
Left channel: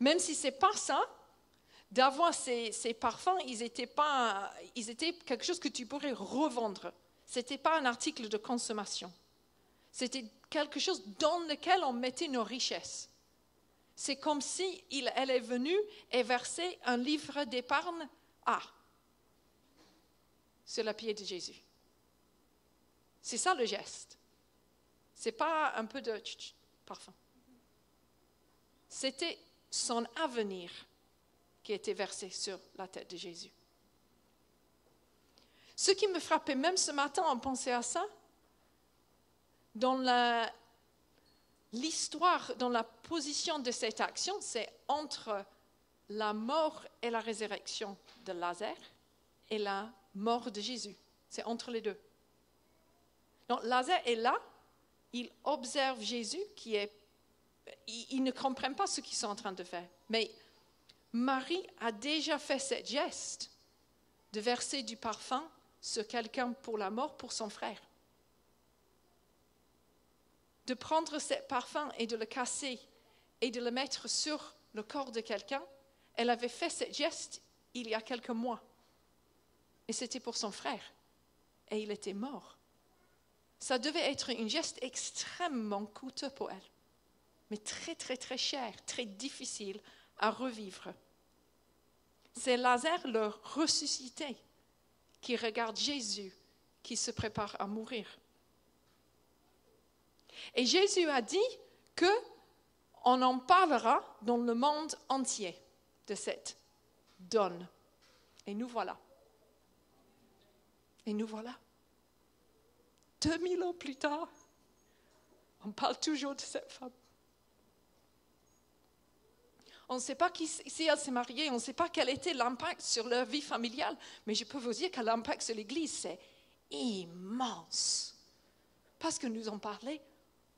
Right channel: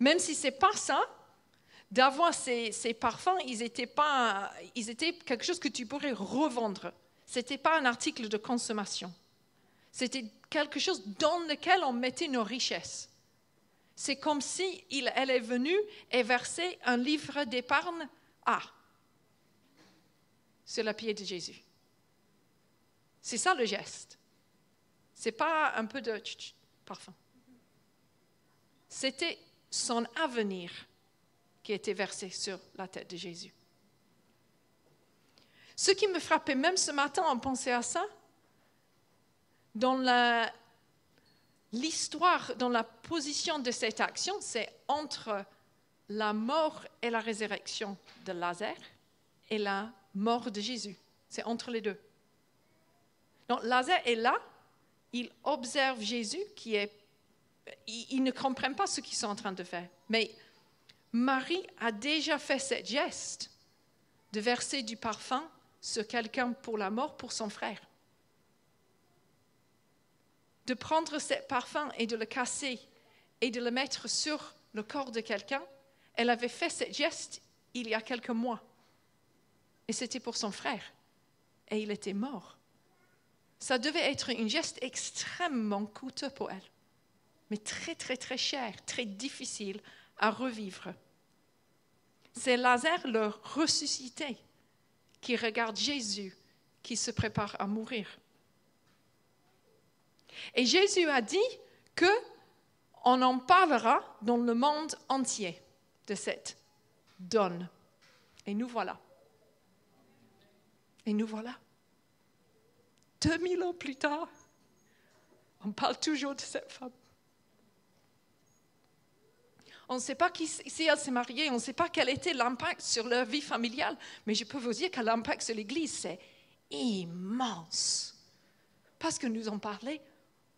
Même si ce n'est pas ça, d'avoir ces parfums, ils étaient quelque chose que tu pourrais revendre. Ce n'était pas un article de consommation. C'était quelque chose dans lequel on mettait nos richesses. C'est comme si elle est venue et versé un livre d'épargne sur le pied de Jésus. C'est ça le geste. Ce n'est pas un peu de parfum. C'était son avenir qui était versé sur la tête de Jésus. Ce qui me frappait même ce matin en pensant à ça, dans l'histoire, dans la position de cette action, c'est entre la mort et la résurrection de Lazare et la mort de Jésus. C'est entre les deux. Donc Lazare est là, il observe Jésus il ne comprend pas ce qu'ils sont en train de faire. Mais Marie a déjà fait ce geste de verser du parfum sur quelqu'un pour la mort, pour son frère. De prendre ce parfum et de le casser et de le mettre sur le corps de quelqu'un, elle avait fait ce geste il y a quelques mois. Et c'était pour son frère. Et il était mort. Ça devait être un geste extrêmement coûteux pour elle. Mais très, très, très cher, très difficile à revivre. C'est Lazare, le ressuscité, qui regarde Jésus qui se prépare à mourir. Et Jésus a dit qu'on en parlera dans le monde entier de cette donne. Et nous voilà. Et nous voilà. 2000 ans plus tard, on parle toujours de cette femme. On ne sait pas si elle s'est mariée, on ne sait pas quel était l'impact sur leur vie familiale, mais je peux vous dire que l'impact sur l'Église, c'est immense. Parce que nous en parlons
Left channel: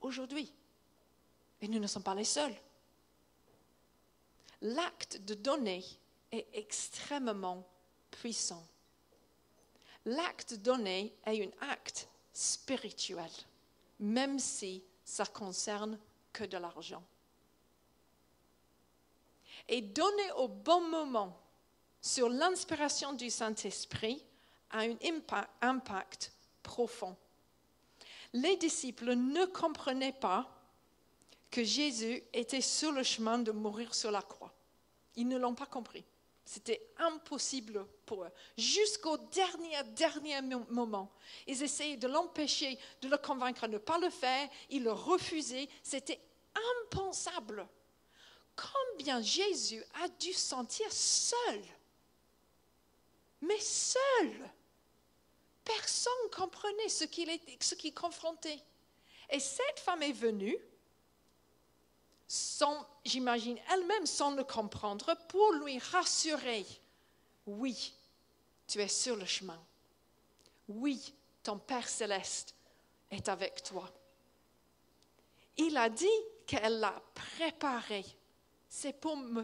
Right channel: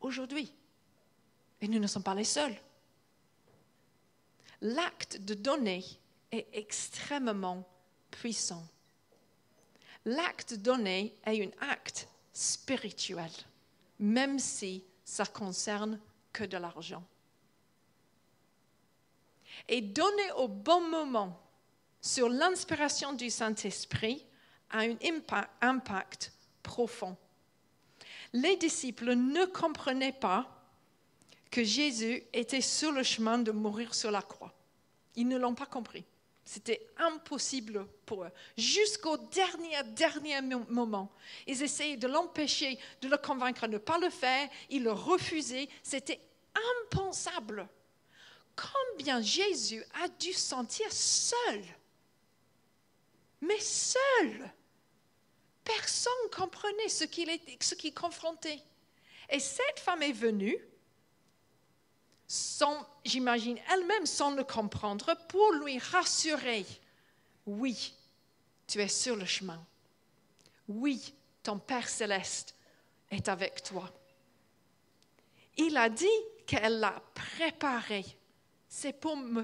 aujourd'hui. Et nous ne sommes pas les seuls. L'acte de donner est extrêmement puissant. L'acte de donner est un acte spirituel, même si ça concerne que de l'argent. Et donner au bon moment sur l'inspiration du Saint-Esprit a un impact profond. Les disciples ne comprenaient pas que Jésus était sur le chemin de mourir sur la croix. Ils ne l'ont pas compris. C'était impossible pour eux. Jusqu'au dernier moment, ils essayaient de l'empêcher, de le convaincre de ne pas le faire. Ils le refusaient. C'était impensable. Combien Jésus a dû se sentir seul. Mais seul. Personne ne comprenait ce qu'il confrontait. Et cette femme est venue, j'imagine elle-même sans le comprendre, pour lui rassurer. Oui, tu es sur le chemin. Oui, ton Père céleste est avec toi. Il a dit qu'elle l'a préparé. C'est pour me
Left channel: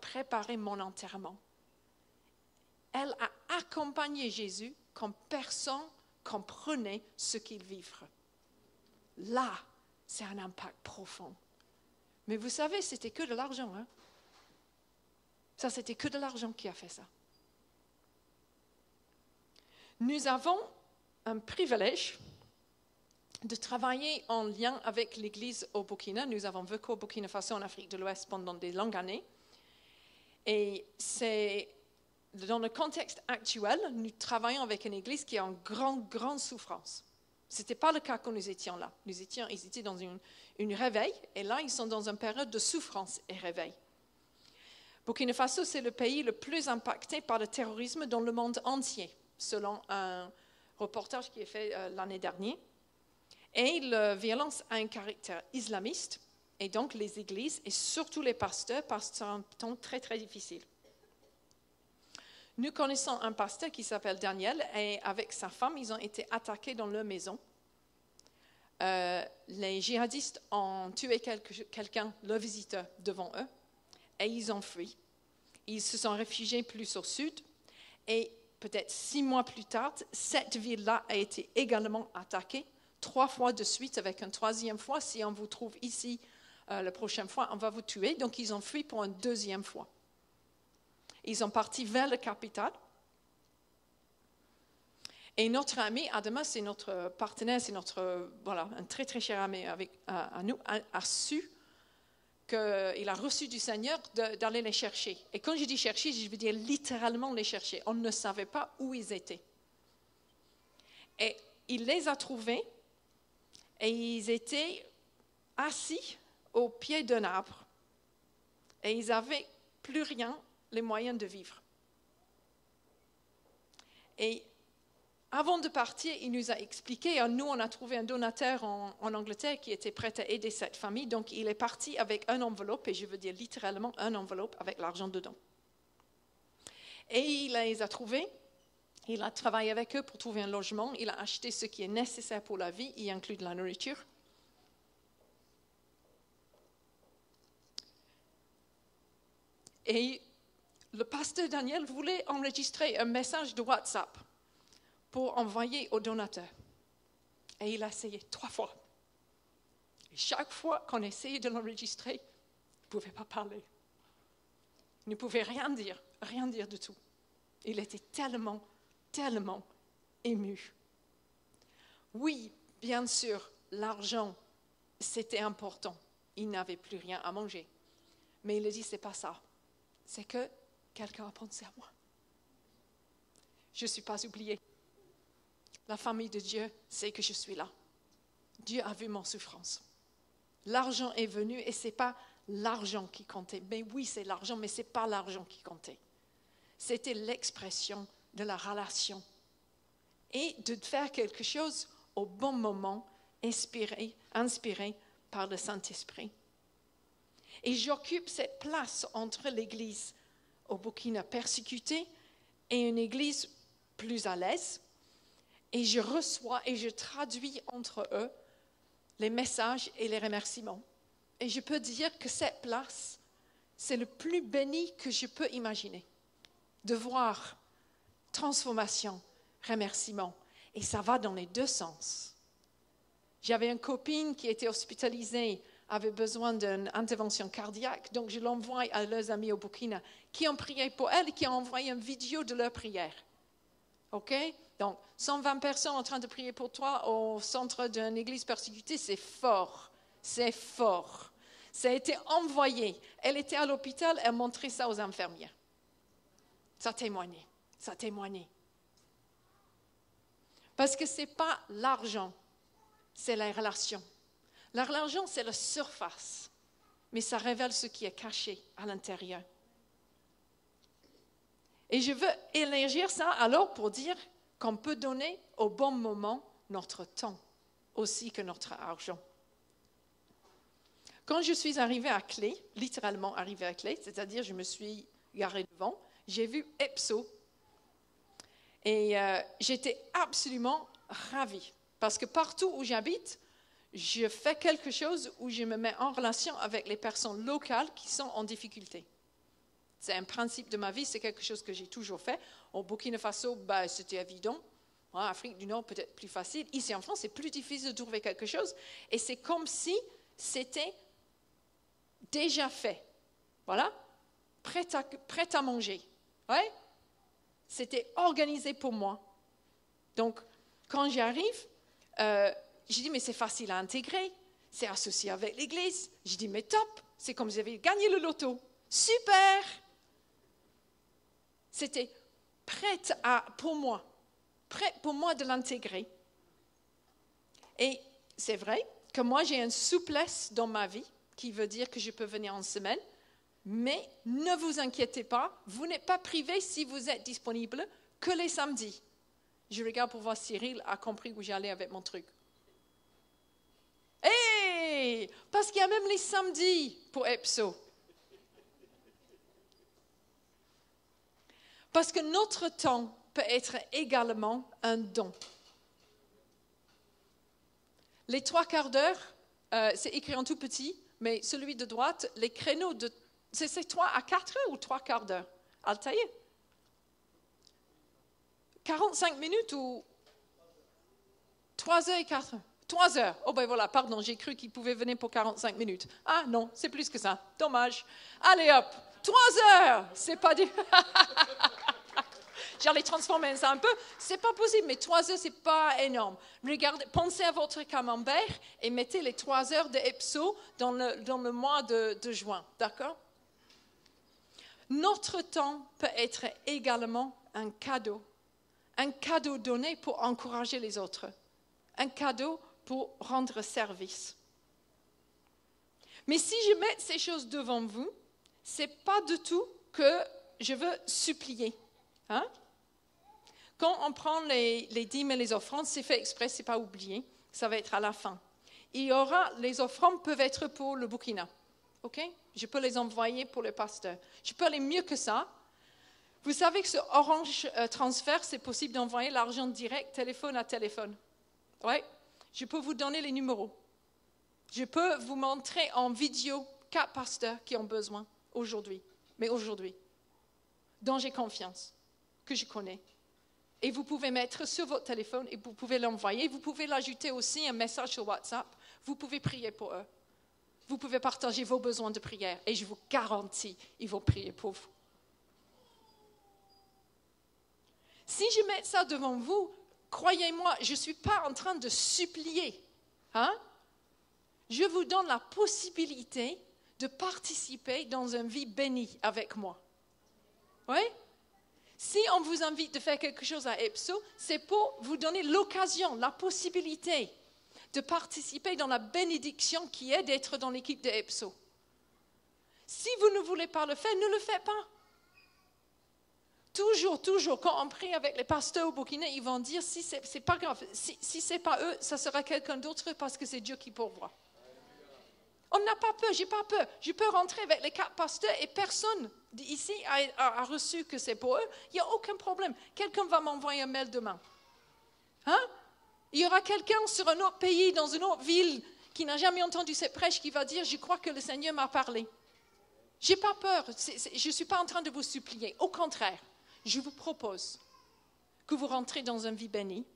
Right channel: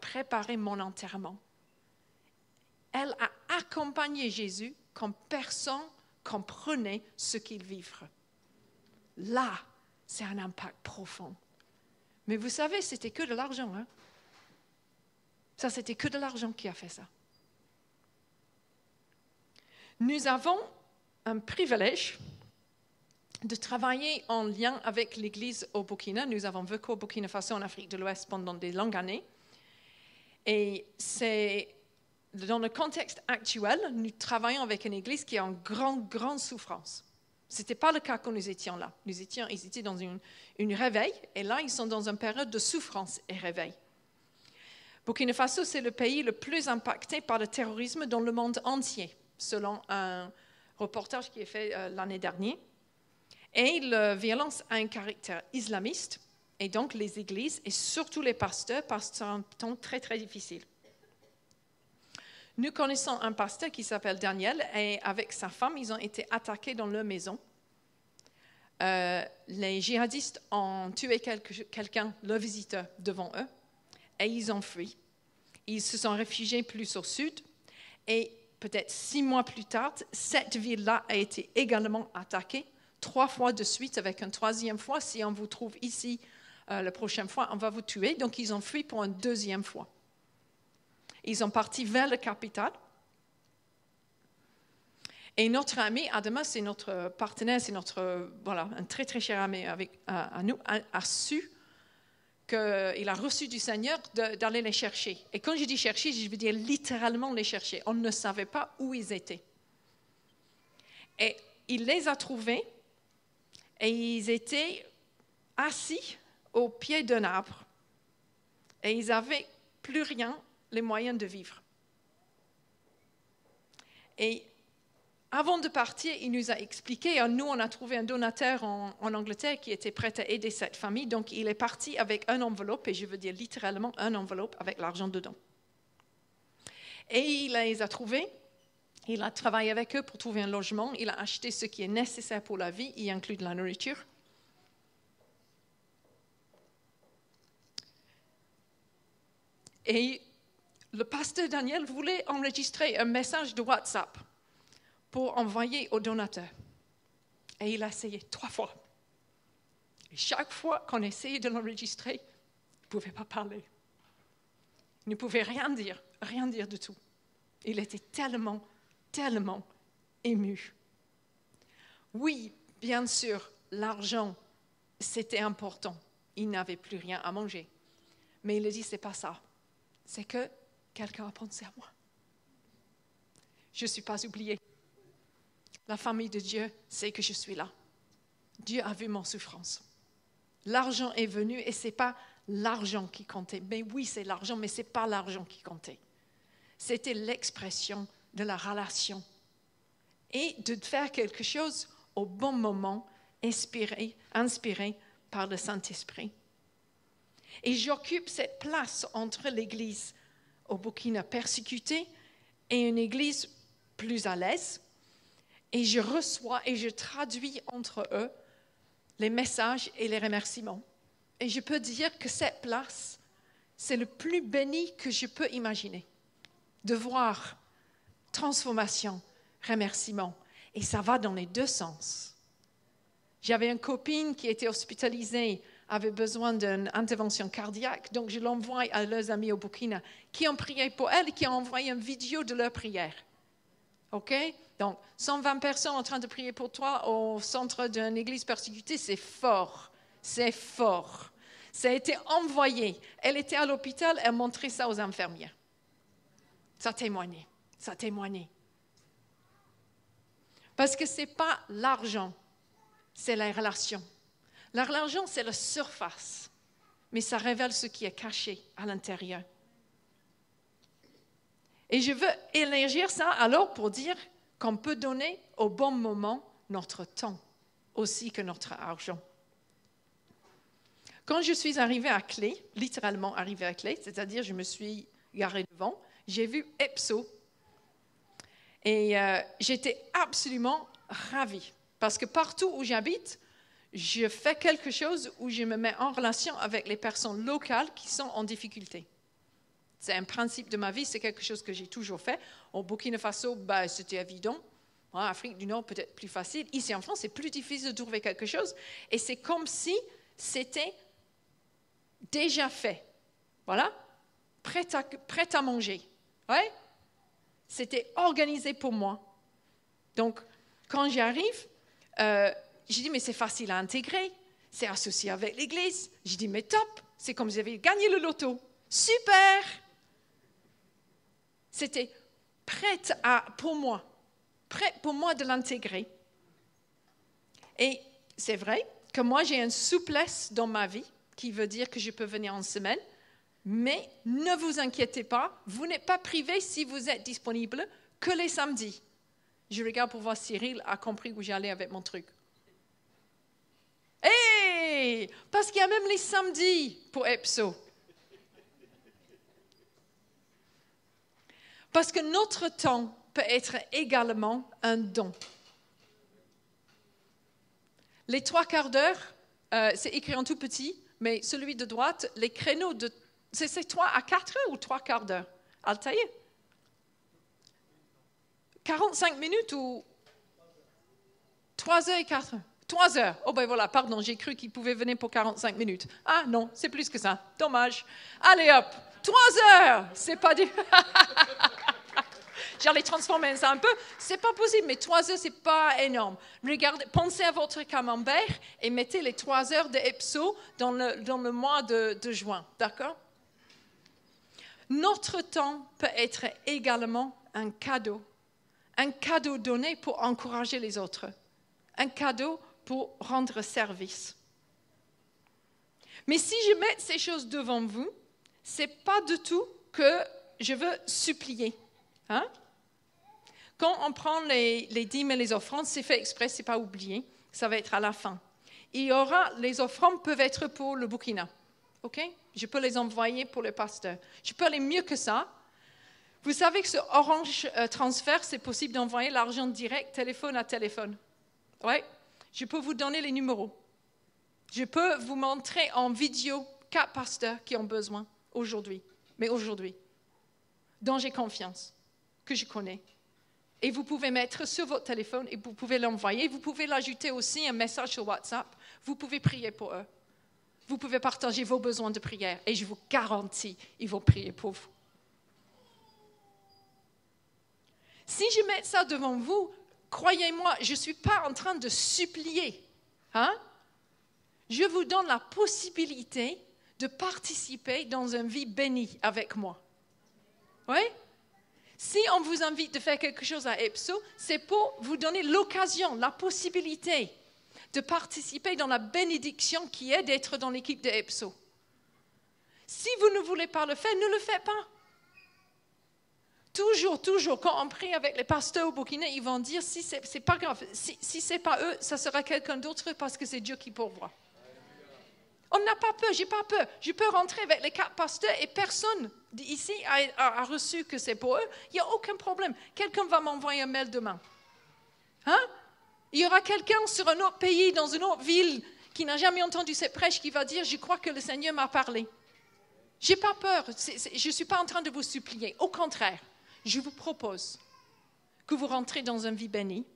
préparer mon enterrement. Elle a accompagné Jésus quand personne comprenait ce qu'il vivrait. Là, c'est un impact profond. Mais vous savez, c'était que de l'argent. Hein? Ça, c'était que de l'argent qui a fait ça. Nous avons un privilège de travailler en lien avec l'Église au Burkina. Nous avons vécu au Burkina Faso en Afrique de l'Ouest pendant des longues années. Et c'est dans le contexte actuel, nous travaillons avec une Église qui est en grande souffrance. Ce n'était pas le cas quand nous étions là. Ils étaient dans une réveil, et là, ils sont dans une période de souffrance et réveil. Burkina Faso, c'est le pays le plus impacté par le terrorisme dans le monde entier, selon un reportage qui est fait l'année dernière. Et la violence a un caractère islamiste, et donc les églises, et surtout les pasteurs, passent un temps très, très difficile. Nous connaissons un pasteur qui s'appelle Daniel, et avec sa femme, ils ont été attaqués dans leur maison. Les djihadistes ont tué quelqu'un, leur visiteur, devant eux, et ils ont fui. Ils se sont réfugiés plus au sud, et peut-être 6 mois plus tard, cette ville-là a été également attaquée, 3 fois de suite, avec une 3e fois. Si on vous trouve ici la prochaine fois, on va vous tuer. Donc, ils ont fui pour une 2e fois. Ils sont partis vers la capitale. Et notre ami, Adama, c'est notre partenaire, c'est un très, très cher ami à nous, a su qu'il a reçu du Seigneur d'aller les chercher. Et quand je dis chercher, je veux dire littéralement les chercher. On ne savait pas où ils étaient. Et il les a trouvés, et ils étaient assis au pied d'un arbre. Et ils n'avaient plus rien, les moyens de vivre. Et avant de partir, il nous a expliqué, nous on a trouvé un donateur en Angleterre qui était prêt à aider cette famille, donc il est parti avec une enveloppe, et je veux dire littéralement une enveloppe avec l'argent dedans. Et il les a trouvés, il a travaillé avec eux pour trouver un logement, il a acheté ce qui est nécessaire pour la vie, y inclut de la nourriture. Et le pasteur Daniel voulait enregistrer un message de WhatsApp pour envoyer au donateur. Et il a essayé 3 fois. Et chaque fois qu'on essayait de l'enregistrer, il ne pouvait pas parler. Il ne pouvait rien dire du tout. Il était tellement ému. Oui, bien sûr, l'argent, c'était important. Il n'avait plus rien à manger. Mais il a dit, c'est pas ça. C'est que quelqu'un a pensé à moi. Je ne suis pas oubliée. La famille de Dieu sait que je suis là. Dieu a vu mon souffrance. L'argent est venu et ce n'est pas l'argent qui comptait. Mais oui, c'est l'argent, mais ce n'est pas l'argent qui comptait. C'était l'expression de la relation et de faire quelque chose au bon moment, inspiré par le Saint-Esprit. Et j'occupe cette place entre l'Église au Burkina persécutée et une Église plus à l'aise. Et je reçois et je traduis entre eux les messages et les remerciements. Et je peux dire que cette place, c'est le plus béni que je peux imaginer. De voir transformation, remerciement. Et ça va dans les 2 sens. J'avais une copine qui était hospitalisée, avait besoin d'une intervention cardiaque, donc je l'envoie à leurs amis au Burkina qui ont prié pour elle et qui ont envoyé une vidéo de leur prière. OK? Donc, 120 personnes en train de prier pour toi au centre d'une église persécutée, c'est fort. C'est fort. Ça a été envoyé. Elle était à l'hôpital, elle montrait ça aux infirmières. Ça témoignait. Ça témoignait. Parce que ce n'est pas l'argent, c'est la relation. L'argent, c'est la surface, mais ça révèle ce qui est caché à l'intérieur. Et je veux élargir ça alors pour dire qu'on peut donner au bon moment notre temps aussi que notre argent. Quand je suis arrivée à Clay, littéralement arrivée à Clay, c'est-à-dire je me suis garée devant, j'ai vu Epso et j'étais absolument ravie parce que partout où j'habite, je fais quelque chose où je me mets en relation avec les personnes locales qui sont en difficulté. C'est un principe de ma vie, c'est quelque chose que j'ai toujours fait. Au Burkina Faso, c'était évident. En Afrique du Nord, peut-être plus facile. Ici en France, c'est plus difficile de trouver quelque chose. Et c'est comme si c'était déjà fait. Voilà. Prêt à manger. Ouais. C'était organisé pour moi. Donc, quand j'y arrive, j'ai dit, mais c'est facile à intégrer. C'est associé avec l'église. J'ai dit, mais top. C'est comme si j'avais gagné le loto. Super. C'était prêt pour moi de l'intégrer. Et c'est vrai que moi, j'ai une souplesse dans ma vie qui veut dire que je peux venir en semaine, mais ne vous inquiétez pas, vous n'êtes pas privé si vous êtes disponible que les samedis. Je regarde pour voir si Cyril a compris où j'allais avec mon truc. Hey! Parce qu'il y a même les samedis pour Epso. Parce que notre temps peut être également un don. Les 3/4 d'heure, c'est écrit en tout petit, mais celui de droite, les créneaux de... C'est 3 à 4 heures ou 3/4 d'heure? Altaïr? 45 minutes ou 3 heures et 4 heures? 3 heures. Oh ben voilà, pardon, j'ai cru qu'il pouvait venir pour 45 minutes. Ah non, c'est plus que ça. Dommage. Allez hop, 3 heures. C'est pas du... J'allais transformer ça un peu. C'est pas possible, mais 3 heures, c'est pas énorme. Regardez, pensez à votre camembert et mettez les 3 heures de Epso dans le mois de juin. D'accord? Notre temps peut être également un cadeau. Un cadeau donné pour encourager les autres. Un cadeau pour rendre service. Mais si je mets ces choses devant vous, c'est pas du tout que je veux supplier. Hein? Quand on prend les dîmes et les offrandes, c'est fait exprès, c'est pas oublié. Ça va être à la fin. Les offrandes peuvent être pour le Burkina. OK? Je peux les envoyer pour le pasteur. Je peux aller mieux que ça. Vous savez que ce Orange Transfert, c'est possible d'envoyer l'argent direct, téléphone à téléphone. Oui? Je peux vous donner les numéros. Je peux vous montrer en vidéo 4 pasteurs qui ont besoin aujourd'hui. Mais aujourd'hui. Dont j'ai confiance. Que je connais. Et vous pouvez mettre sur votre téléphone et vous pouvez l'envoyer. Vous pouvez l'ajouter aussi un message sur WhatsApp. Vous pouvez prier pour eux. Vous pouvez partager vos besoins de prière. Et je vous garantis, ils vont prier pour vous. Si je mets ça devant vous, croyez-moi, je ne suis pas en train de supplier. Hein? Je vous donne la possibilité de participer dans une vie bénie avec moi. Oui? Si on vous invite de faire quelque chose à Epso, c'est pour vous donner l'occasion, la possibilité de participer dans la bénédiction qui est d'être dans l'équipe de Epso. Si vous ne voulez pas le faire, ne le faites pas. Toujours, quand on prie avec les pasteurs au Burkina, ils vont dire, si c'est pas grave, si c'est pas eux, ça sera quelqu'un d'autre parce que c'est Dieu qui pourvoit. On n'a pas peur, j'ai pas peur. Je peux rentrer avec les 4 pasteurs et personne ici a reçu que c'est pour eux. Il n'y a aucun problème. Quelqu'un va m'envoyer un mail demain. Hein? Il y aura quelqu'un sur un autre pays, dans une autre ville, qui n'a jamais entendu cette prêche, qui va dire, je crois que le Seigneur m'a parlé. J'ai pas peur. Je ne suis pas en train de vous supplier. Au contraire, je vous propose que vous rentrez dans une vie bénie.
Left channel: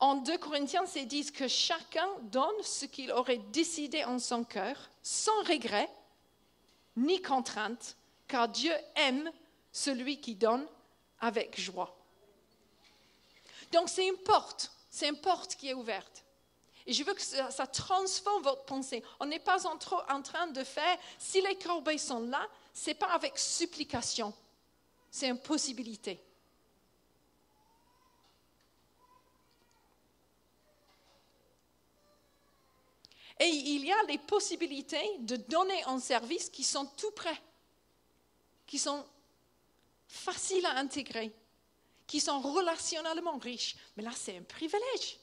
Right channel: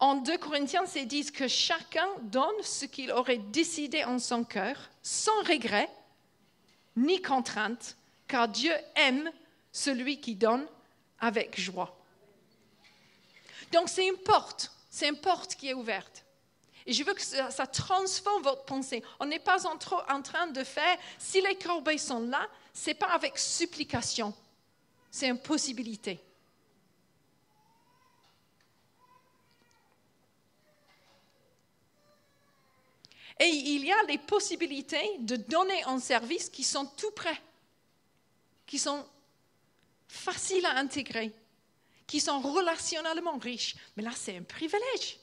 En 2 Corinthiens, c'est dit que chacun donne ce qu'il aurait décidé en son cœur, sans regret, ni contrainte, car Dieu aime celui qui donne avec joie. Donc c'est une porte qui est ouverte. Et je veux que ça transforme votre pensée. On n'est pas en train de faire, si les corbeilles sont là, ce n'est pas avec supplication, c'est une possibilité. Et il y a les possibilités de donner un service qui sont tout près, qui sont faciles à intégrer, qui sont relationnellement riches. Mais là, c'est un privilège.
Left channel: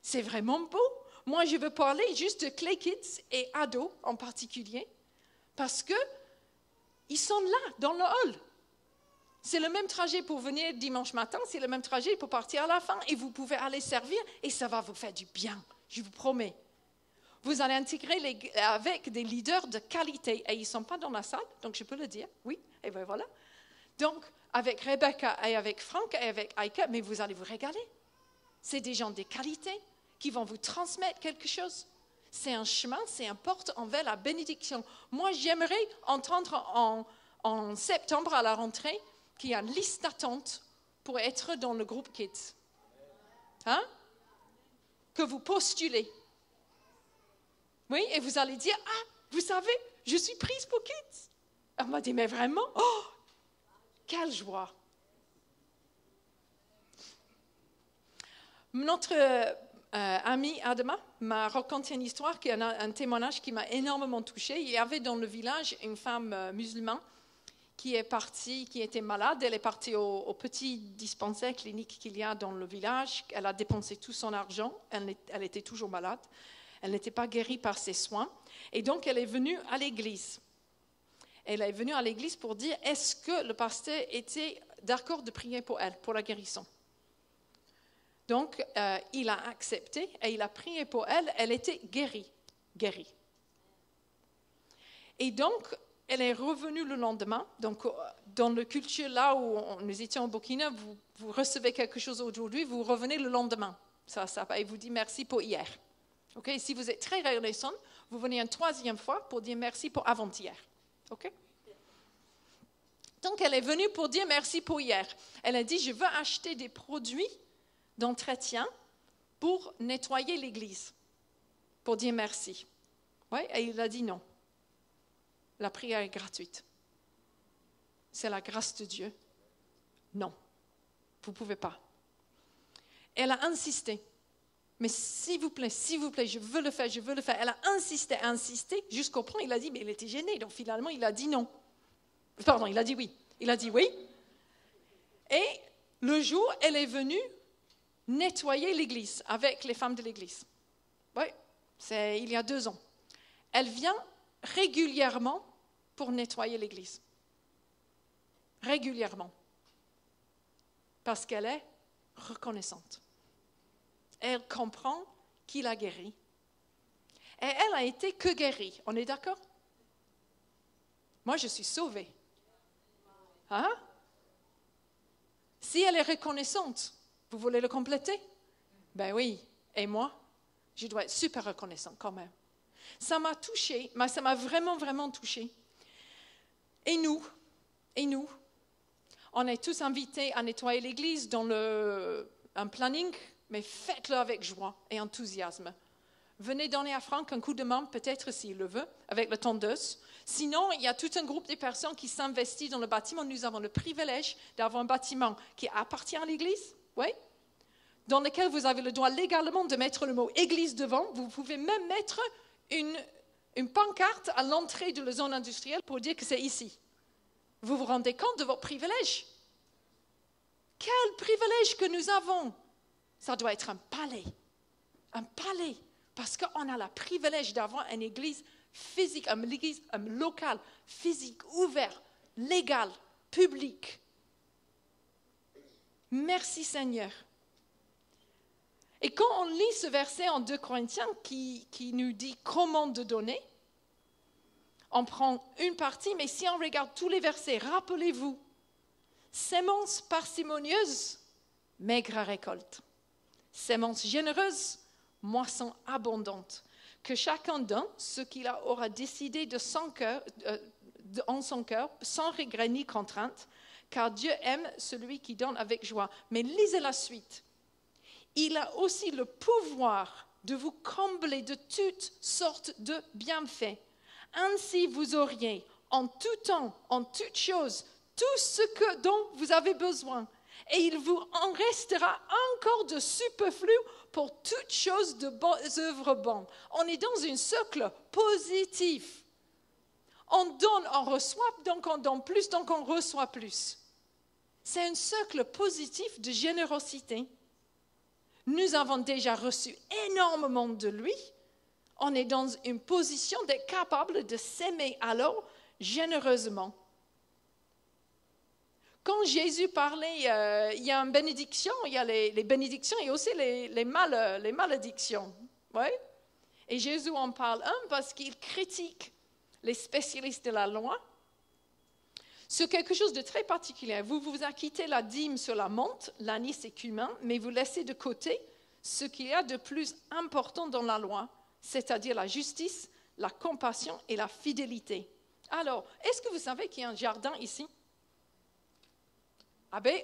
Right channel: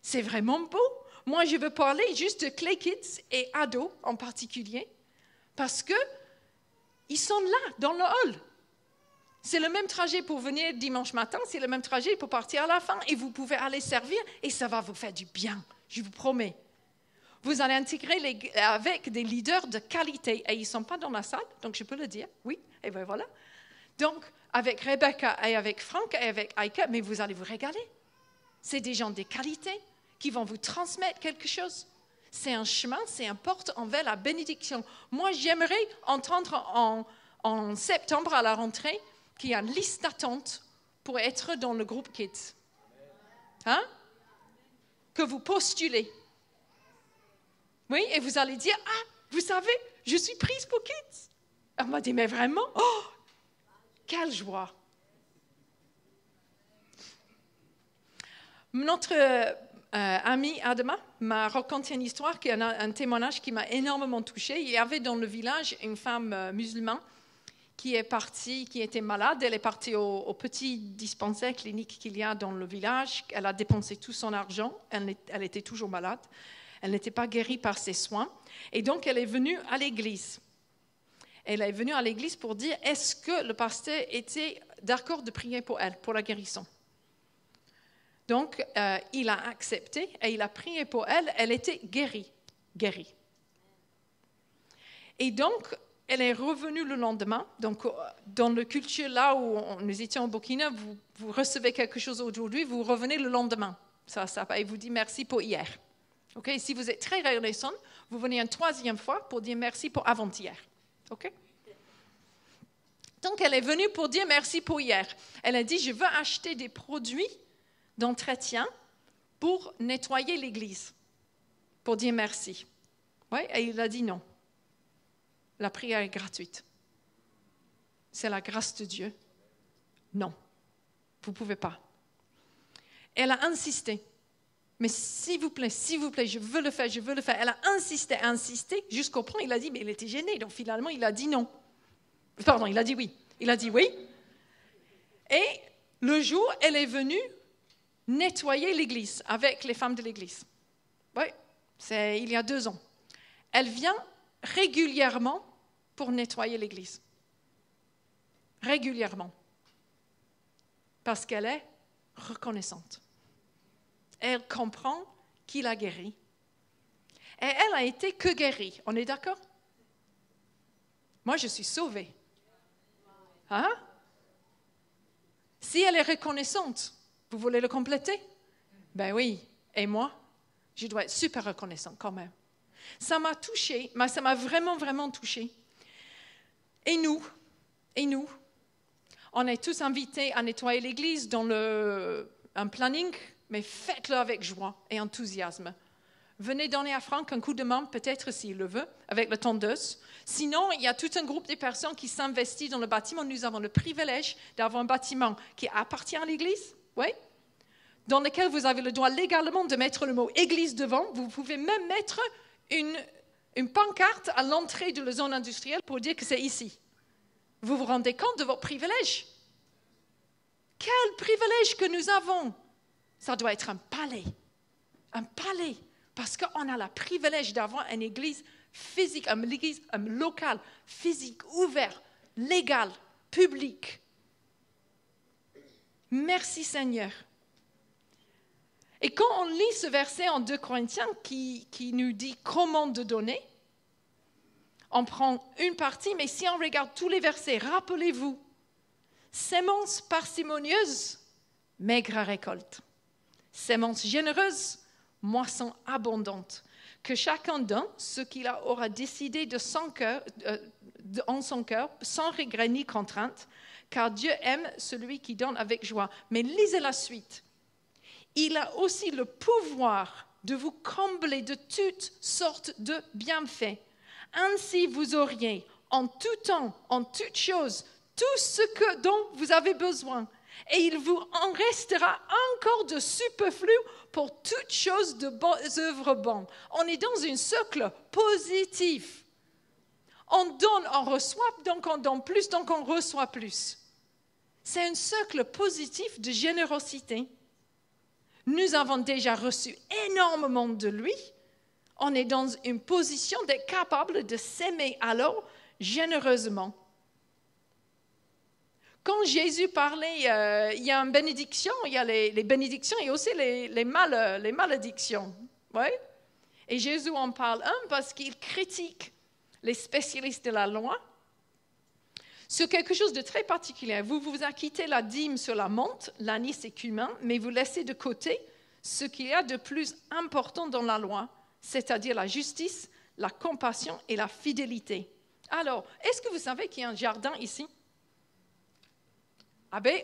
C'est vraiment beau. Moi, je veux parler juste de Clay Kids et ados en particulier, parce qu'ils sont là, dans le hall. C'est le même trajet pour venir dimanche matin, c'est le même trajet pour partir à la fin, et vous pouvez aller servir, et ça va vous faire du bien, je vous promets. Vous allez intégrer avec des leaders de qualité, et ils ne sont pas dans la salle, donc je peux le dire, oui, et bien voilà. Donc, avec Rebecca et avec Franck et avec Aika, mais vous allez vous régaler. C'est des gens de qualité qui vont vous transmettre quelque chose. C'est un chemin, c'est une porte envers la bénédiction. Moi, j'aimerais entendre en septembre à la rentrée qu'il y a une liste d'attente pour être dans le groupe Kids. Hein? Que vous postulez. Oui, et vous allez dire, ah, vous savez, je suis prise pour Kids. Elle m'a dit, mais vraiment? Oh, quelle joie! Notre ami Adama m'a raconté une histoire, un témoignage qui m'a énormément touchée. Il y avait dans le village une femme musulmane qui était malade. Elle est partie au petit dispensaire clinique qu'il y a dans le village. Elle a dépensé tout son argent. Elle était toujours malade. Elle n'était pas guérie par ses soins. Et donc, elle est venue à l'église. Elle est venue à l'église pour dire, est-ce que le pasteur était d'accord de prier pour elle, pour la guérison? Donc, il a accepté et il a prié pour elle. Elle était guérie. Et donc, elle est revenue le lendemain. Donc, dans le culture là où nous étions au Burkina, vous recevez quelque chose aujourd'hui, vous revenez le lendemain. Et vous dites merci pour hier. Okay? Si vous êtes très reconnaissant, vous venez une troisième fois pour dire merci pour avant-hier. OK? Donc, elle est venue pour dire merci pour hier. Elle a dit, je veux acheter des produits d'entretien pour nettoyer l'église, pour dire merci. Oui, et il a dit non. La prière est gratuite. C'est la grâce de Dieu. Non, vous ne pouvez pas. Elle a insisté. Mais s'il vous plaît, je veux le faire. Elle a insisté, jusqu'au point, il a dit, mais il était gêné. Donc finalement, il a dit non. Pardon, il a dit oui. Il a dit oui. Et le jour, elle est venue nettoyer l'église avec les femmes de l'église. Oui, c'est il y a 2 ans. Elle vient régulièrement pour nettoyer l'église. Régulièrement. Parce qu'elle est reconnaissante. Elle comprend qu'il a guéri. Et elle a été que guérie. On est d'accord? Moi, je suis sauvée. Hein? Si elle est reconnaissante, vous voulez le compléter? Ben oui. Et moi, je dois être super reconnaissante quand même. Ça m'a touchée, ça m'a vraiment, vraiment touchée. Et nous, on est tous invités à nettoyer l'église dans un planning, mais faites-le avec joie et enthousiasme. Venez donner à Franck un coup de main, peut-être s'il le veut, avec la tondeuse. Sinon, il y a tout un groupe de personnes qui s'investissent dans le bâtiment. Nous avons le privilège d'avoir un bâtiment qui appartient à l'église, oui, dans lequel vous avez le droit légalement de mettre le mot « église » devant. Vous pouvez même mettre une pancarte à l'entrée de la zone industrielle pour dire que c'est ici. Vous vous rendez compte de votre privilège? Quel privilège que nous avons! Ça doit être un palais, parce qu'on a le privilège d'avoir une église physique, une église locale, physique, ouverte, légale, publique. Merci Seigneur. Et quand on lit ce verset en 2 Corinthiens qui nous dit comment de donner, on prend une partie, mais si on regarde tous les versets, rappelez-vous, sémence parcimonieuse, maigre récolte. Sémence généreuse, moisson abondante. Que chacun donne ce qu'il aura décidé en son cœur, sans regret ni contrainte, car Dieu aime celui qui donne avec joie. Mais lisez la suite. il a aussi le pouvoir de vous combler de toutes sortes de bienfaits. Ainsi, vous auriez en tout temps, en toutes choses, tout ce dont vous avez besoin. Et il vous en restera encore de superflu pour toutes choses de bonnes œuvres bonnes. On est dans un cercle positif. On donne, on reçoit, donc on donne plus, donc on reçoit plus. C'est un cercle positif de générosité. Nous avons déjà reçu énormément de lui. On est dans une position d'être capable de s'aimer alors généreusement. Quand Jésus parlait, il y a une bénédiction, il y a les bénédictions et aussi les malédictions. Oui? Et Jésus en parle parce qu'il critique les spécialistes de la loi sur quelque chose de très particulier. Vous vous acquittez la dîme sur la menthe, l'anis et cumin, mais vous laissez de côté ce qu'il y a de plus important dans la loi, c'est-à-dire la justice, la compassion et la fidélité. Alors, est-ce que vous savez qu'il y a un jardin ici? Ah ben,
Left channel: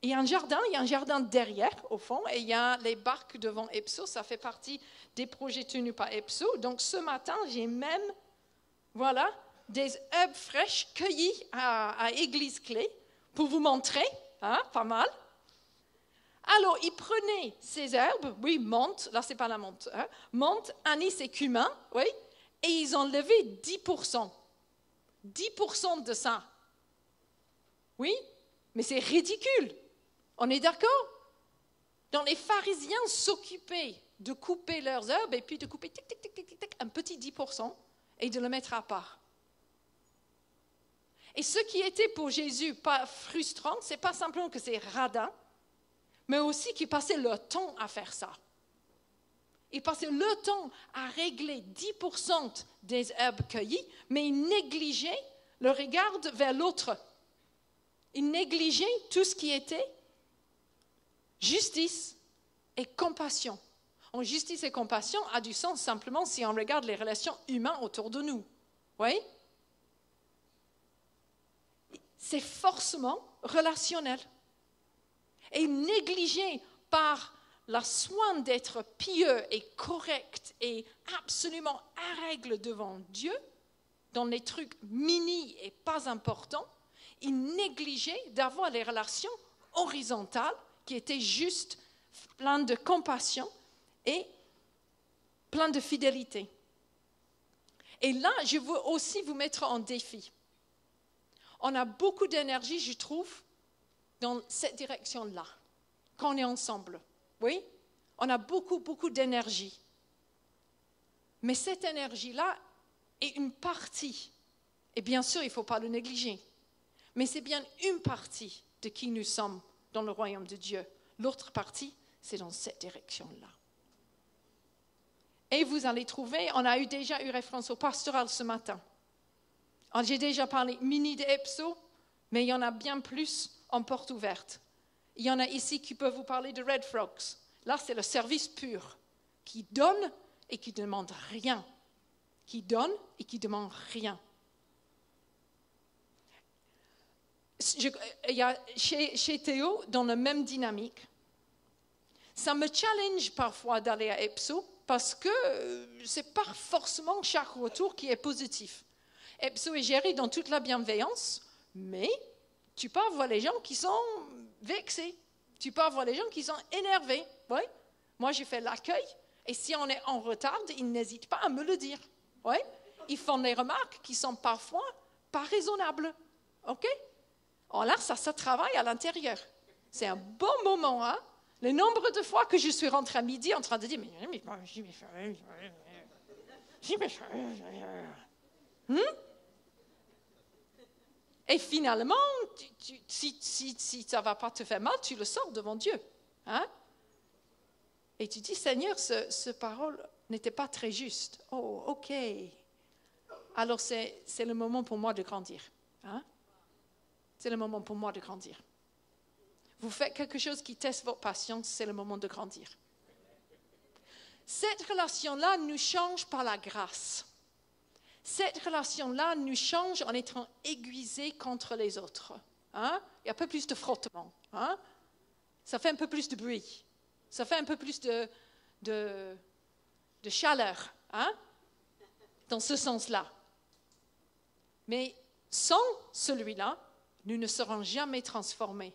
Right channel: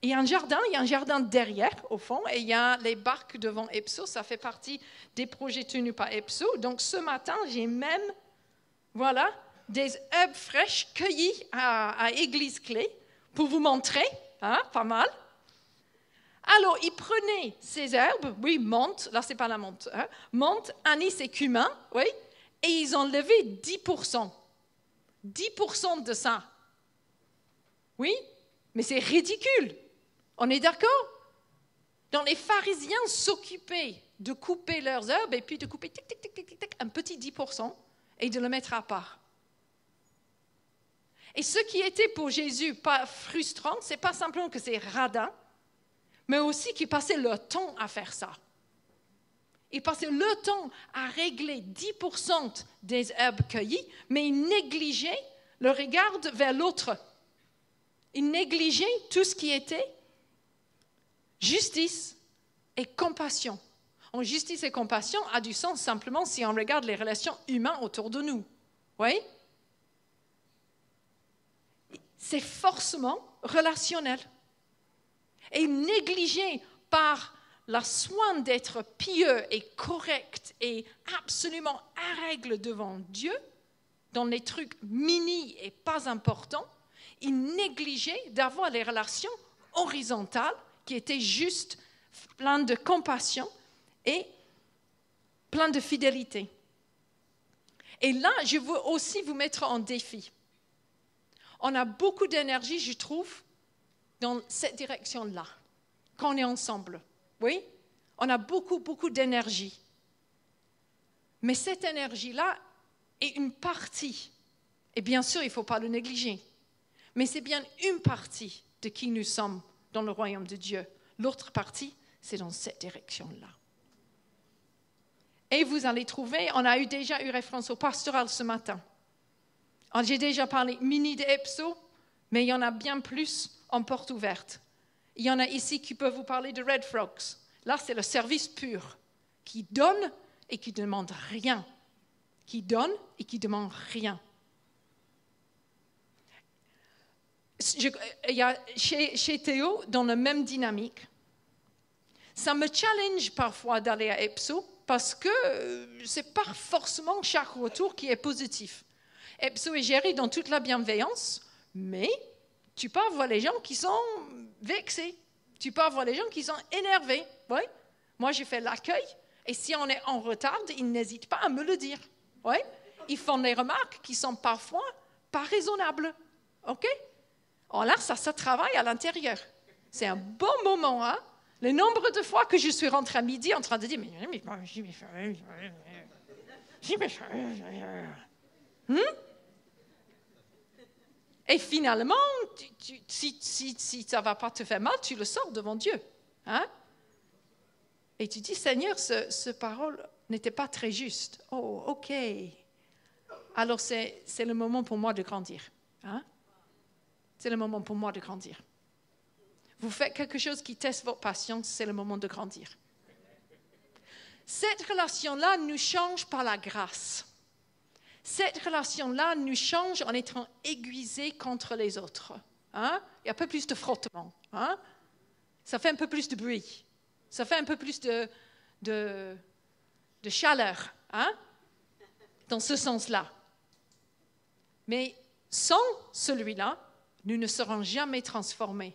il y a un jardin derrière, au fond, et il y a les barques devant EPSO. Ça fait partie des projets tenus par EPSO. Donc, ce matin, j'ai même, voilà, des herbes fraîches cueillies à Église Clé pour vous montrer, hein, pas mal. Alors, ils prenaient ces herbes, oui, menthe, là, c'est pas la menthe, hein, menthe, anis et cumin, oui, et ils ont levé 10%. 10% de ça. Oui? Mais c'est ridicule. On est d'accord? Donc les pharisiens s'occupaient de couper leurs herbes et puis de couper tic, tic, tic, tic, tic, un petit 10% et de le mettre à part. Et ce qui était pour Jésus pas frustrant, c'est pas simplement que c'est radin, mais aussi qu'il passait le temps à faire ça. Il passait le temps à régler 10% des herbes cueillies, mais il négligeait le regard vers l'autre. Il négligeait tout ce qui était justice et compassion. En justice et compassion a du sens simplement si on regarde les relations humaines autour de nous. Oui? C'est forcément relationnel. Et négligé par la soin d'être pieux et correct et absolument à règle devant Dieu, dans les trucs mini et pas importants, il négligeait d'avoir les relations horizontales qui étaient juste pleines de compassion et pleines de fidélité. Et là, je veux aussi vous mettre en défi. On a beaucoup d'énergie, je trouve, dans cette direction-là, quand on est ensemble. Oui? On a beaucoup d'énergie. Mais cette énergie-là est une partie. Et bien sûr, il ne faut pas le négliger. Mais c'est bien une partie de qui nous sommes dans le royaume de Dieu. L'autre partie, c'est dans cette direction-là. Et vous allez trouver, on a déjà eu référence au pastoral ce matin. J'ai déjà parlé mini de EPSO, mais il y en a bien plus en porte ouverte. Il y en a ici qui peuvent vous parler de Red Frogs. Là, c'est le service pur, qui donne et qui ne demande rien. Qui donne et qui ne demande rien. Il y a chez Théo, dans la même dynamique, ça me challenge parfois d'aller à EPSO parce que ce n'est pas forcément chaque retour qui est positif. EPSO est géré dans toute la bienveillance, mais tu peux avoir les gens qui sont vexés, tu peux avoir les gens qui sont énervés. Oui? Moi, j'ai fait l'accueil, et si on est en retard, ils n'hésitent pas à me le dire. Oui? Ils font des remarques qui sont parfois pas raisonnables. OK? Alors là, ça travaille à l'intérieur. C'est un bon moment, hein? Le nombre de fois que je suis rentrée à midi en train de dire et finalement, si ça ne va pas te faire mal, tu le sors devant Dieu. Hein? Et tu dis, Seigneur, ce parole n'était pas très juste. Oh, OK. Alors, c'est le moment pour moi de grandir. Hein? C'est le moment pour moi de grandir. Vous faites quelque chose qui teste votre patience, c'est le moment de grandir. Cette relation-là nous change par la grâce. Cette relation-là nous change en étant aiguisés contre les autres. Hein? Il y a un peu plus de frottement. Hein? Ça fait un peu plus de bruit. Ça fait un peu plus de chaleur, hein? Dans ce sens-là. Mais sans celui-là, nous ne serons jamais transformés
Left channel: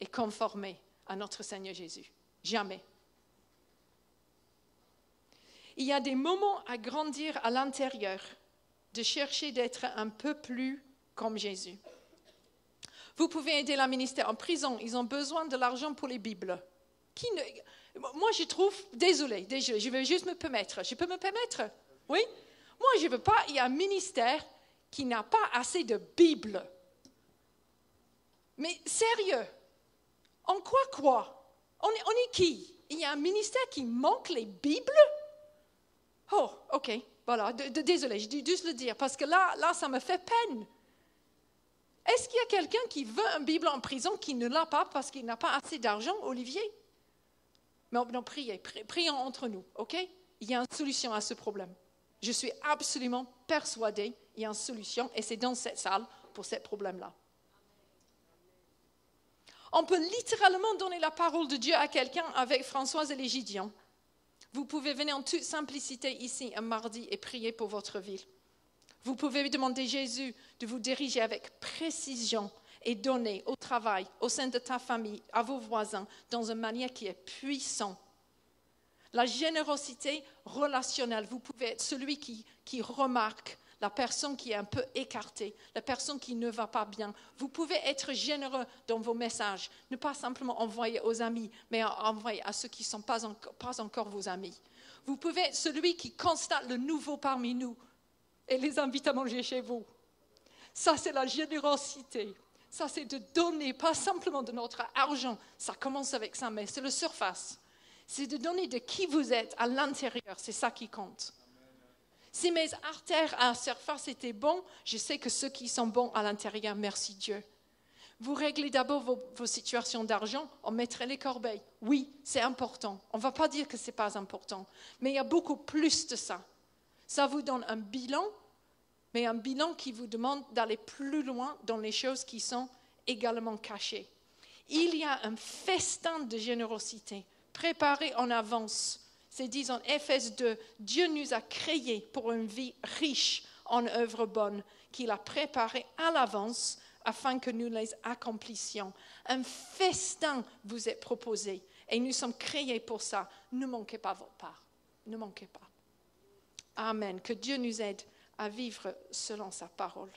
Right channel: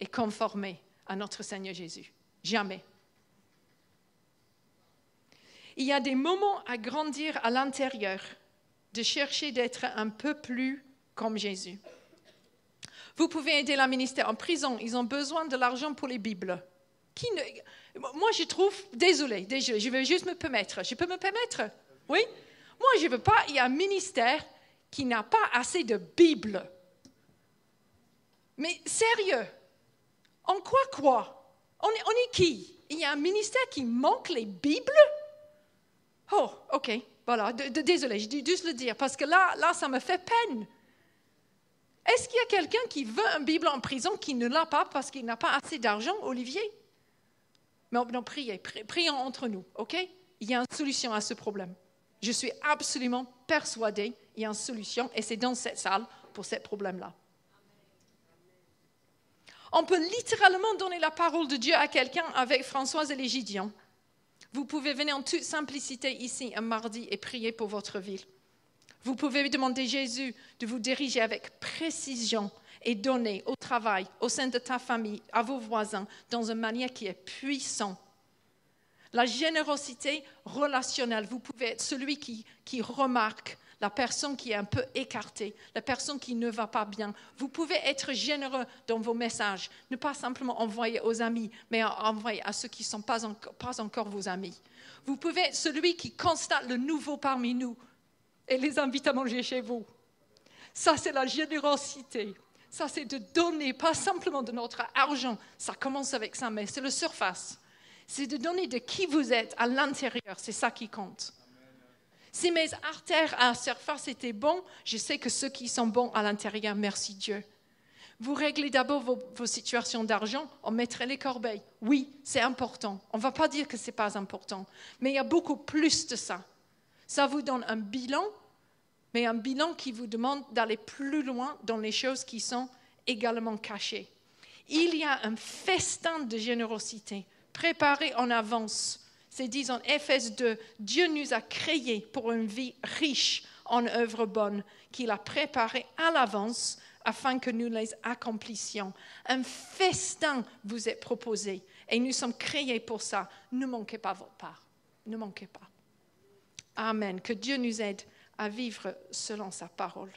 et conformés à notre Seigneur Jésus. Jamais. Il y a des moments à grandir à l'intérieur, de chercher d'être un peu plus comme Jésus. Vous pouvez aider le ministère en prison, ils ont besoin de l'argent pour les Bibles. Moi, je trouve, désolé, je vais juste me permettre. Je peux me permettre? Oui? Moi, je ne veux pas, il y a un ministère qui n'a pas assez de Bibles. Mais sérieux, en quoi? On est qui? Il y a un ministère qui manque les Bibles? Oh, ok, voilà, désolé, je dis juste le dire, parce que là, ça me fait peine. Est-ce qu'il y a quelqu'un qui veut une Bible en prison qui ne l'a pas parce qu'il n'a pas assez d'argent, Olivier? Non, prions entre nous, ok? Il y a une solution à ce problème. Je suis absolument persuadée qu'il y a une solution et c'est dans cette salle pour ce problème-là. On peut littéralement donner la parole de Dieu à quelqu'un avec Françoise et les Gideons. Vous pouvez venir en toute simplicité ici un mardi et prier pour votre ville. Vous pouvez demander Jésus de vous diriger avec précision et donner au travail, au sein de ta famille, à vos voisins, dans une manière qui est puissante. La générosité relationnelle, vous pouvez être celui qui remarque la personne qui est un peu écartée, la personne qui ne va pas bien. Vous pouvez être généreux dans vos messages, ne pas simplement envoyer aux amis, mais envoyer à ceux qui ne sont pas encore vos amis. Vous pouvez être celui qui constate le nouveau parmi nous et les invite à manger chez vous. Ça, c'est la générosité. Ça, c'est de donner, pas simplement de notre argent. Ça commence avec ça, mais c'est la surface. C'est de donner de qui vous êtes à l'intérieur. C'est ça qui compte. Si mes artères à la surface étaient bons, je sais que ceux qui sont bons à l'intérieur, merci Dieu. Vous réglez d'abord vos situations d'argent, on mettrait les corbeilles. Oui, c'est important. On ne va pas dire que ce n'est pas important. Mais il y a beaucoup plus de ça. Ça vous donne un bilan, mais un bilan qui vous demande d'aller plus loin dans les choses qui sont également cachées. Il y a un festin de générosité préparé en avance. C'est dit en Éphèse 2, Dieu nous a créés pour une vie riche en œuvres bonnes, qu'il a préparées à l'avance afin que nous les accomplissions. Un festin vous est proposé et nous sommes créés pour ça. Ne manquez pas votre part. Ne manquez pas. Amen. Que Dieu nous aide à vivre selon sa parole.